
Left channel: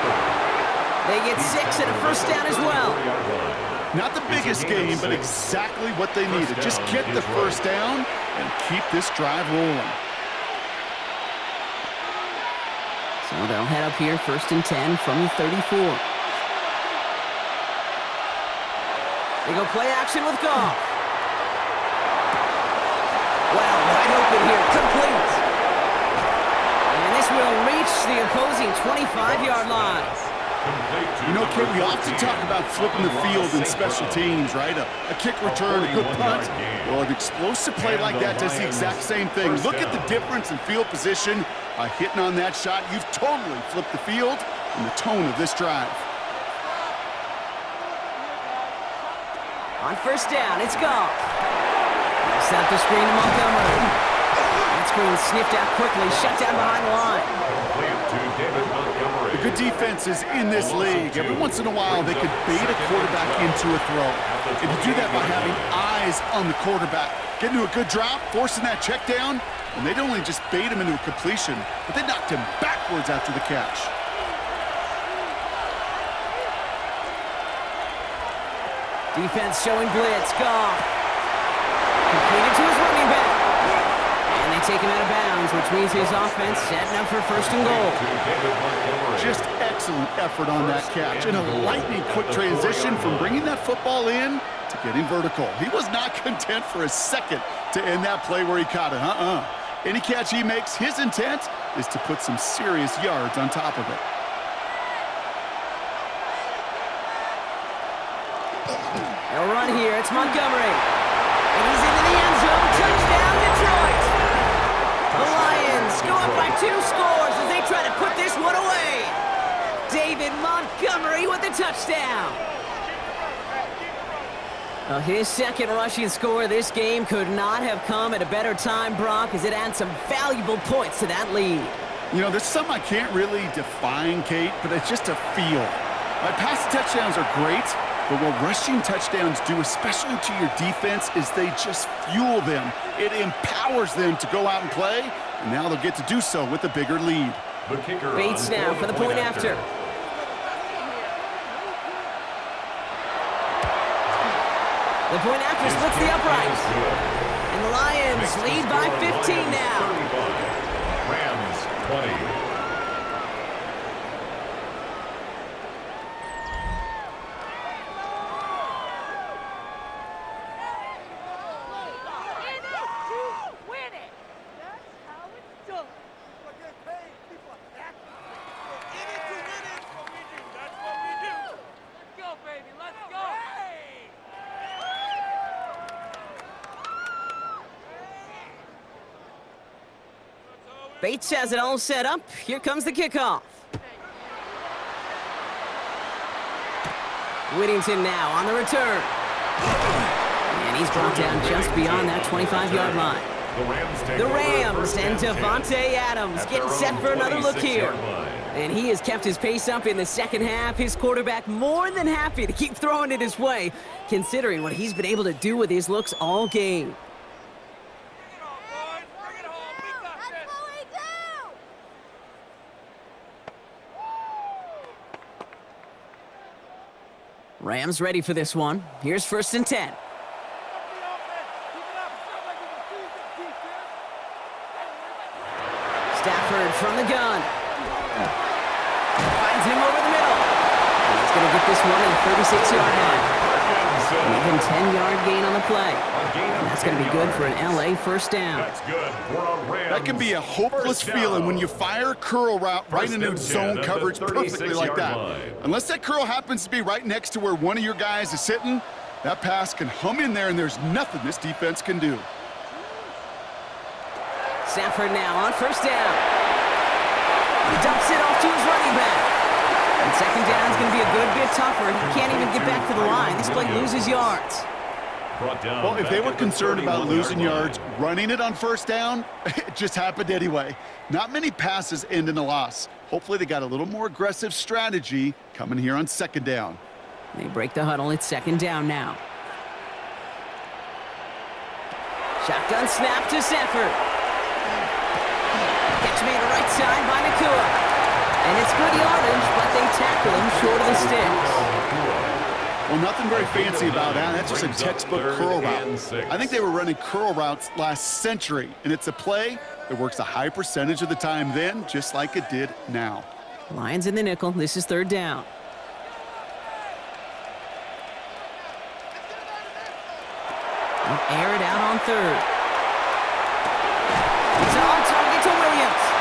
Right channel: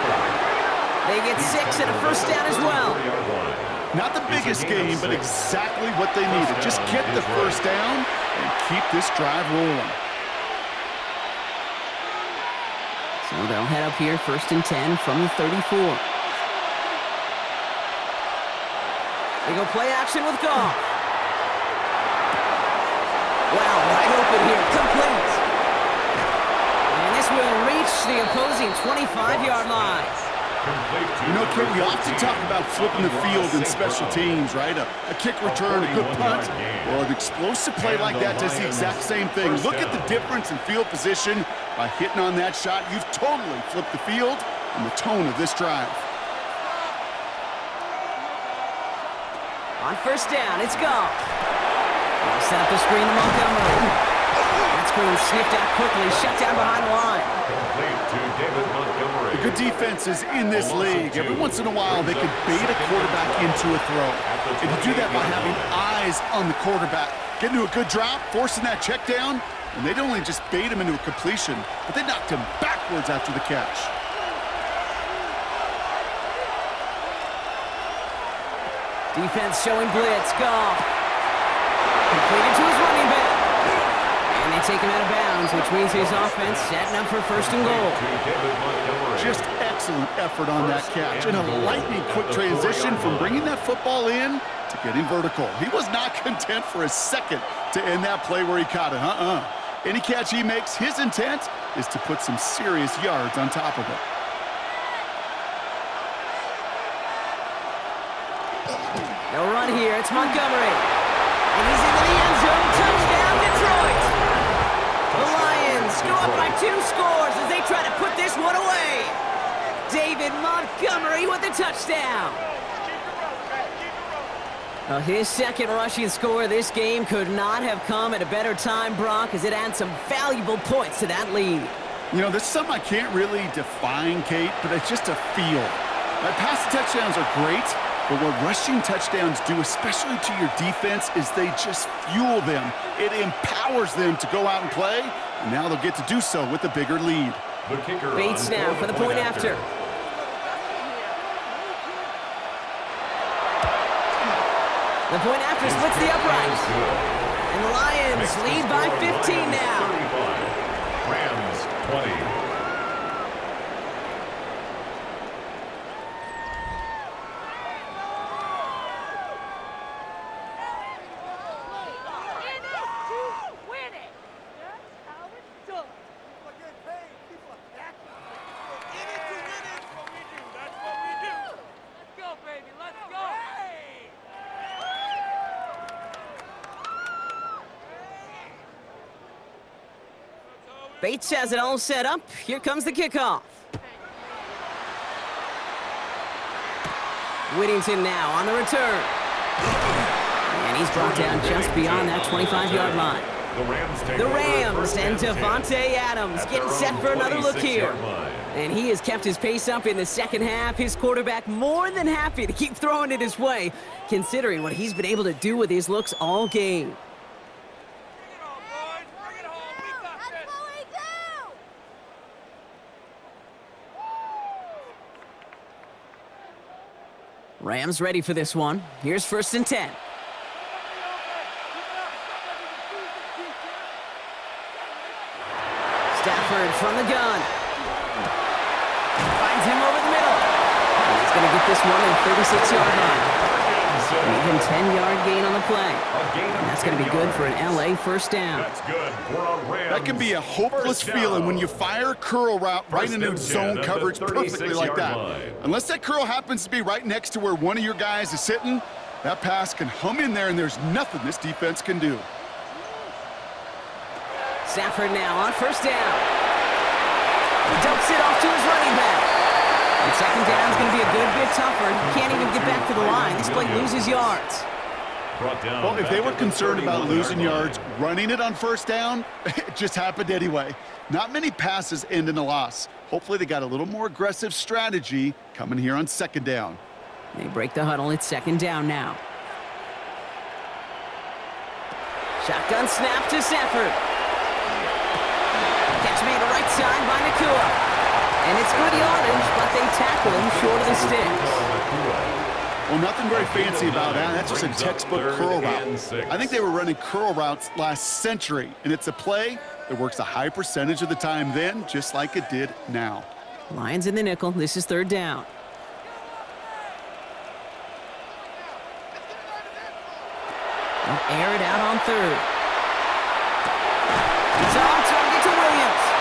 They get 6 and a 1st down as well. Not the biggest game, but exactly what they needed. Just get the 1st down and keep this drive rolling. So they'll head up here 1st and 10 from the 34. They go play action with Goff. Wow, wide open here, complete. And this will reach the opposing 25-yard line. You know, Kate, we often talk about flipping the field in special teams, right? A kick return, a good punt. Well, an explosive play like that does the exact same thing. Look at the difference in field position. By hitting on that shot, you've totally flipped the field and the tone of this drive. On 1st down, it's Goff. They'll set up the screen to Montgomery. That screen sniffed out quickly, shut down behind the line. Complete to David Montgomery. The good defenses in this league, every once in a while, they can bait a quarterback into a throw. And you do that by having eyes on the quarterback. Get into a good drop, forcing that check down, and they'd only just bait him into a completion, but they knocked him backwards after the catch. Defense showing blitz. Goff. Completed to his running back. And they take him out of bounds, which means his offense setting up for 1st and goal. Just excellent effort on that catch. And a lightning quick transition from bringing that football in to getting vertical. He was not content for a second to end that play where he caught it. Any catch he makes, his intent is to put some serious yards on top of it. They'll run here. It's Montgomery. And he's into the end zone. Touchdown, Detroit. The Lions go up by 2 scores as they try to put this one away. David Montgomery with the touchdown. Well, his 2nd rushing score of this game could not have come at a better time, Brock, as it adds some valuable points to that lead. You know, this is something I can't really define, Kate, but it's just a feel. My passing touchdowns are great, but what rushing touchdowns do, especially to your defense, is they just fuel them. It empowers them to go out and play, and now they'll get to do so with a bigger lead. Bates now for the point after. The point after splits the upright. And the Lions lead by 15 now. Rams 20. Bates has it all set up. Here comes the kickoff. Whittington now on the return. And he's brought down just beyond that 25-yard line. The Rams and Devontae Adams getting set for another look here. And he has kept his pace up in the second half. His quarterback more than happy to keep throwing it his way, considering what he's been able to do with his looks all game. Rams ready for this one. Here's 1st and 10. Stafford from the gun. Finds him over the middle. And he's going to get this one to the 36-yard line. An even 10-yard gain on the play. And that's going to be good for an LA first down. That's good for a Rams. That can be a hopeless feeling when you fire a curl route right into zone coverage perfectly like that. Unless that curl happens to be right next to where one of your guys is sitting, that pass can hum in there and there's nothing this defense can do. Stafford now on 1st down. He dumps it off to his running back. And 2nd down is going to be a good bit tougher. He can't even get back to the line. This play loses yards. Well, if they were concerned about losing yards, running it on 1st down, it just happened anyway. Not many passes end in a loss. Hopefully they got a little more aggressive strategy coming here on 2nd down. They break the huddle. It's 2nd down now. Shotgun snap to Stafford. Catch made to right side by Nakua. And it's good yardage, but they tackle him short of the sticks. Well, nothing very fancy about that. That's just a textbook curl route. I think they were running curl routes last century, and it's a play that works a high percentage of the time then, just like it did now. Lions in the nickel. This is 3rd down. They'll air it out on 3rd. It's on target to Williams.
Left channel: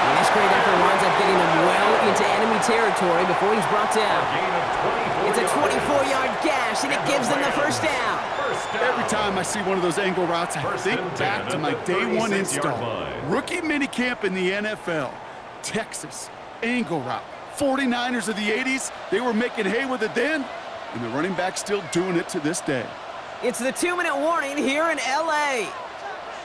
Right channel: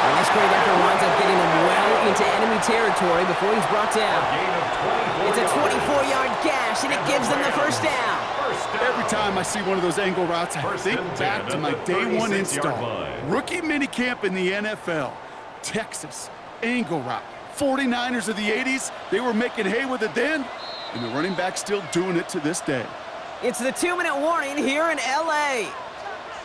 And this great effort winds up getting him well into enemy territory before he's brought down. It's a 24-yard gash, and it gives them the 1st down. Every time I see one of those angle routes, I think back to my day 1 install. Rookie minicamp in the NFL. Texas, angle route. 49ers of the 80s, they were making hay with it then, and the running back's still doing it to this day. It's the 2-minute warning here in L.A.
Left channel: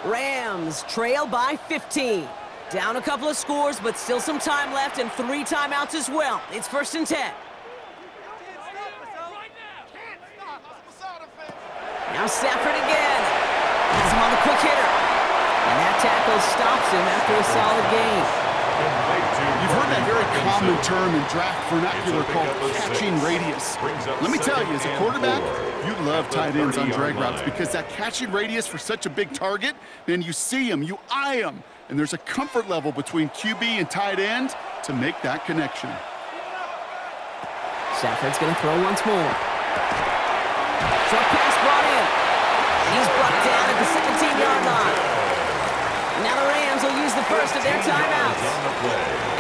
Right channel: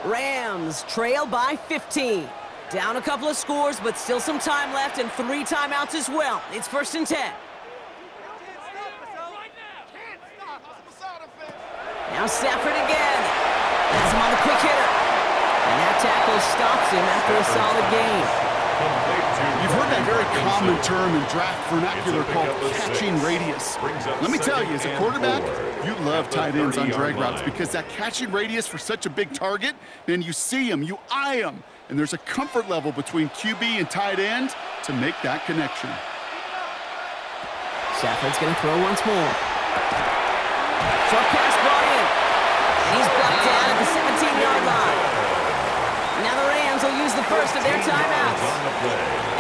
Rams trail by 15. Down a couple of scores, but still some time left and 3 timeouts as well. It's 1st and 10. Now Stafford again. Has him on the quick hitter. And that tackle stops him after a solid gain. You've heard that very common term in draft vernacular called catching radius. Let me tell you, as a quarterback, you love tight ends on drag routes because that catching radius for such a big target, man, you see him, you eye him, and there's a comfort level between QB and tight end to make that connection. Stafford's going to throw once more. Short pass brought in. And he's blocked down at the 17-yard line. Now the Rams will use the first of their timeouts.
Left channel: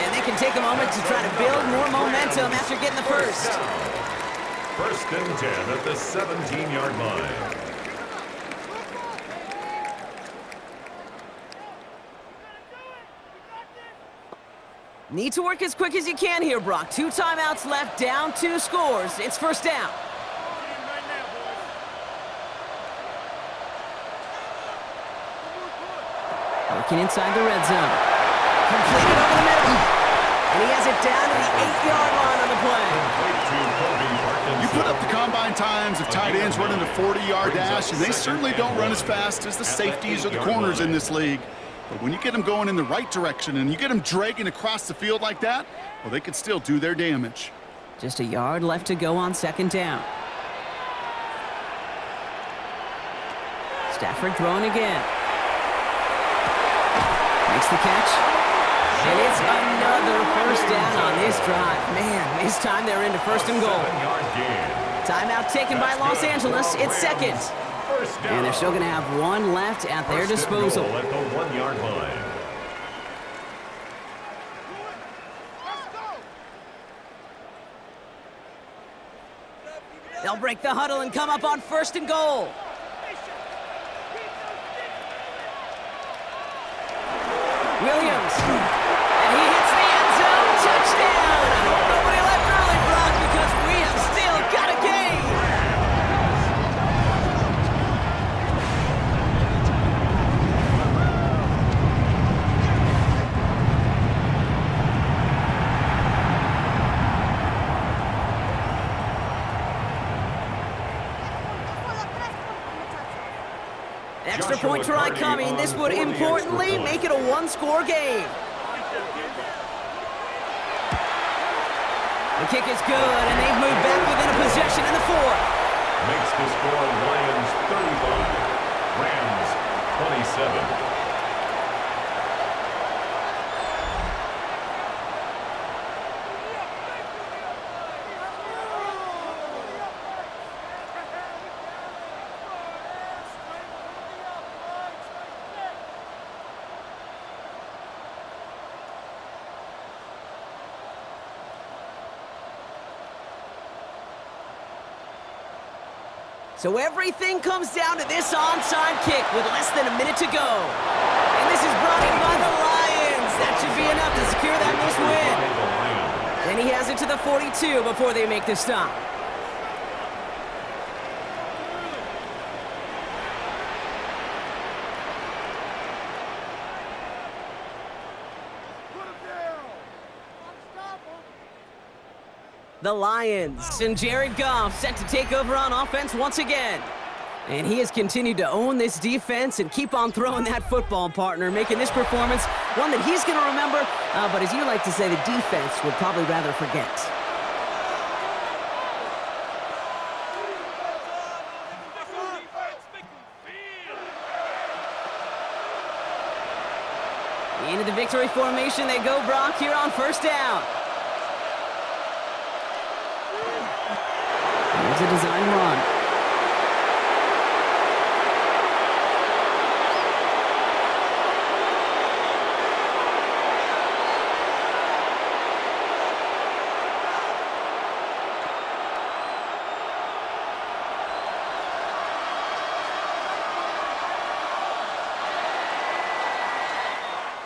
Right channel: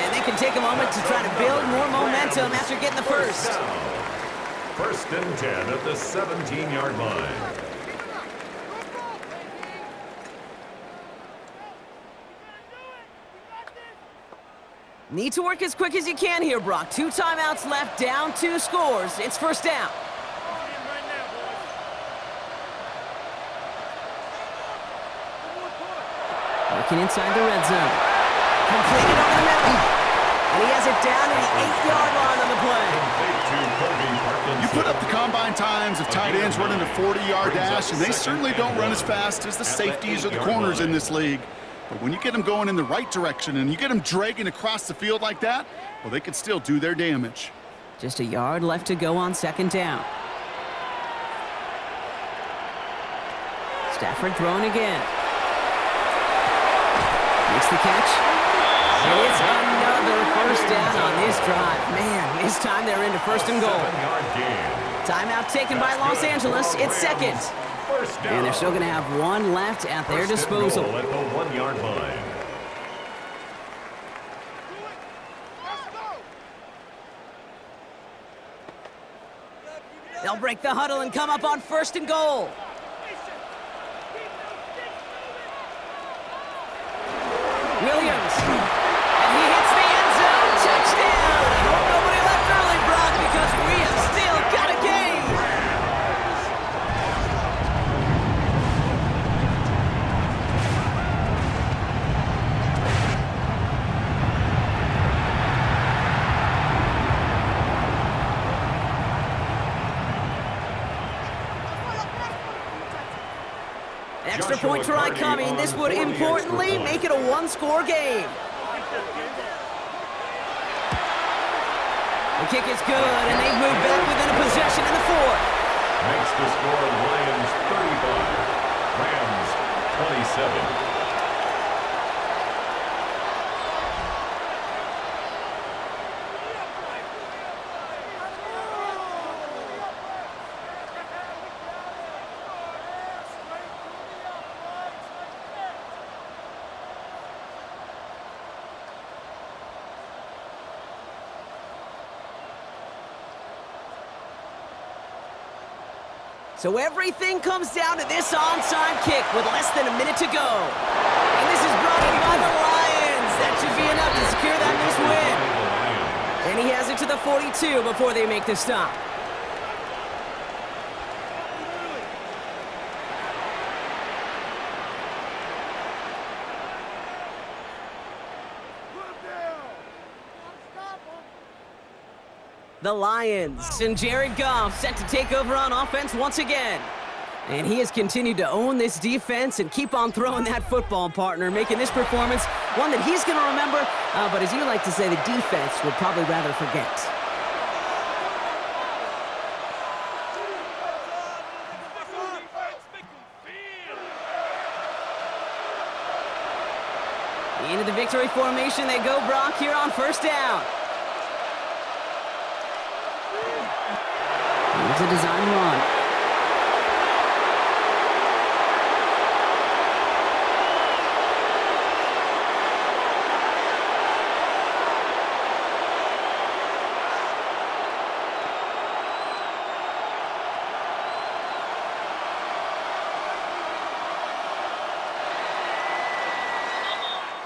And they can take a moment to try to build more momentum after getting the first. 1st and 10 at the 17-yard line. Need to work as quick as you can here, Brock. 2 timeouts left, down 2 scores. It's 1st down. Working inside the red zone. Completed over the middle. And he has it down to the 8-yard line on the play. You put up the combine times of tight ends running a 40-yard dash, and they certainly don't run as fast as the safeties or the corners in this league. But when you get them going in the right direction and you get them dragging across the field like that, well, they can still do their damage. Just a yard left to go on 2nd down. Stafford throwing again. Makes the catch. And it's another 1st down on this drive. Man, this time they're into 1st and goal. Timeout taken by Los Angeles. It's 2nd. And they're still going to have 1 left at their disposal. At the 1-yard line. They'll break the huddle and come up on 1st and goal. Williams. And he hits the end zone. Touchdown! I hope nobody left early, Brock, because we have still got a game. Extra point try coming. This would importantly make it a one-score game. The kick is good, and they've moved back within a possession in the 4th. Makes the score Lions 35, Rams 27. So everything comes down to this onside kick with less than a minute to go. And this is brought in by the Lions. That should be enough to secure that missed win. And he has it to the 42 before they make the stop. The Lions and Jared Goff set to take over on offense once again. And he has continued to own this defense and keep on throwing that football, partner, making this performance one that he's going to remember, but as you like to say, the defense would probably rather forget. Into the victory formation they go, Brock, here on 1st down. Here's a design run.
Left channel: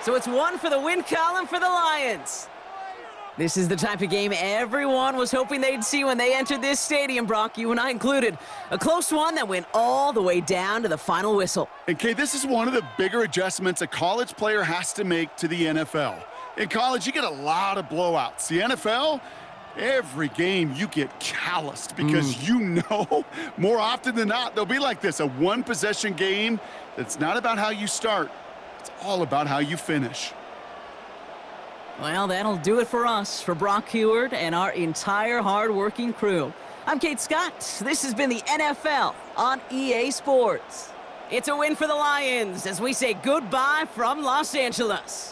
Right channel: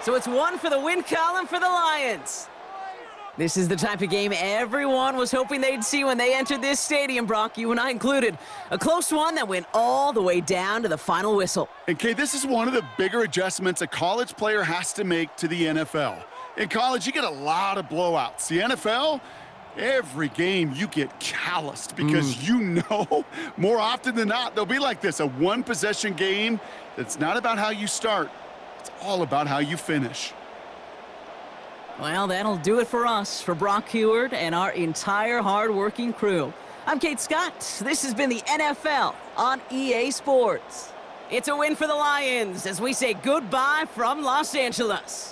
So it's one for the win column for the Lions. This is the type of game everyone was hoping they'd see when they entered this stadium, Brock, you and I included. A close one that went all the way down to the final whistle. And, Kay, this is one of the bigger adjustments a college player has to make to the NFL. In college, you get a lot of blowouts. The NFL, every game you get calloused because you know more often than not they'll be like this, a one-possession game that's not about how you start. It's all about how you finish. Well, that'll do it for us, for Brock Heward and our entire hard-working crew. I'm Kate Scott. This has been the NFL on EA Sports. It's a win for the Lions as we say goodbye from Los Angeles.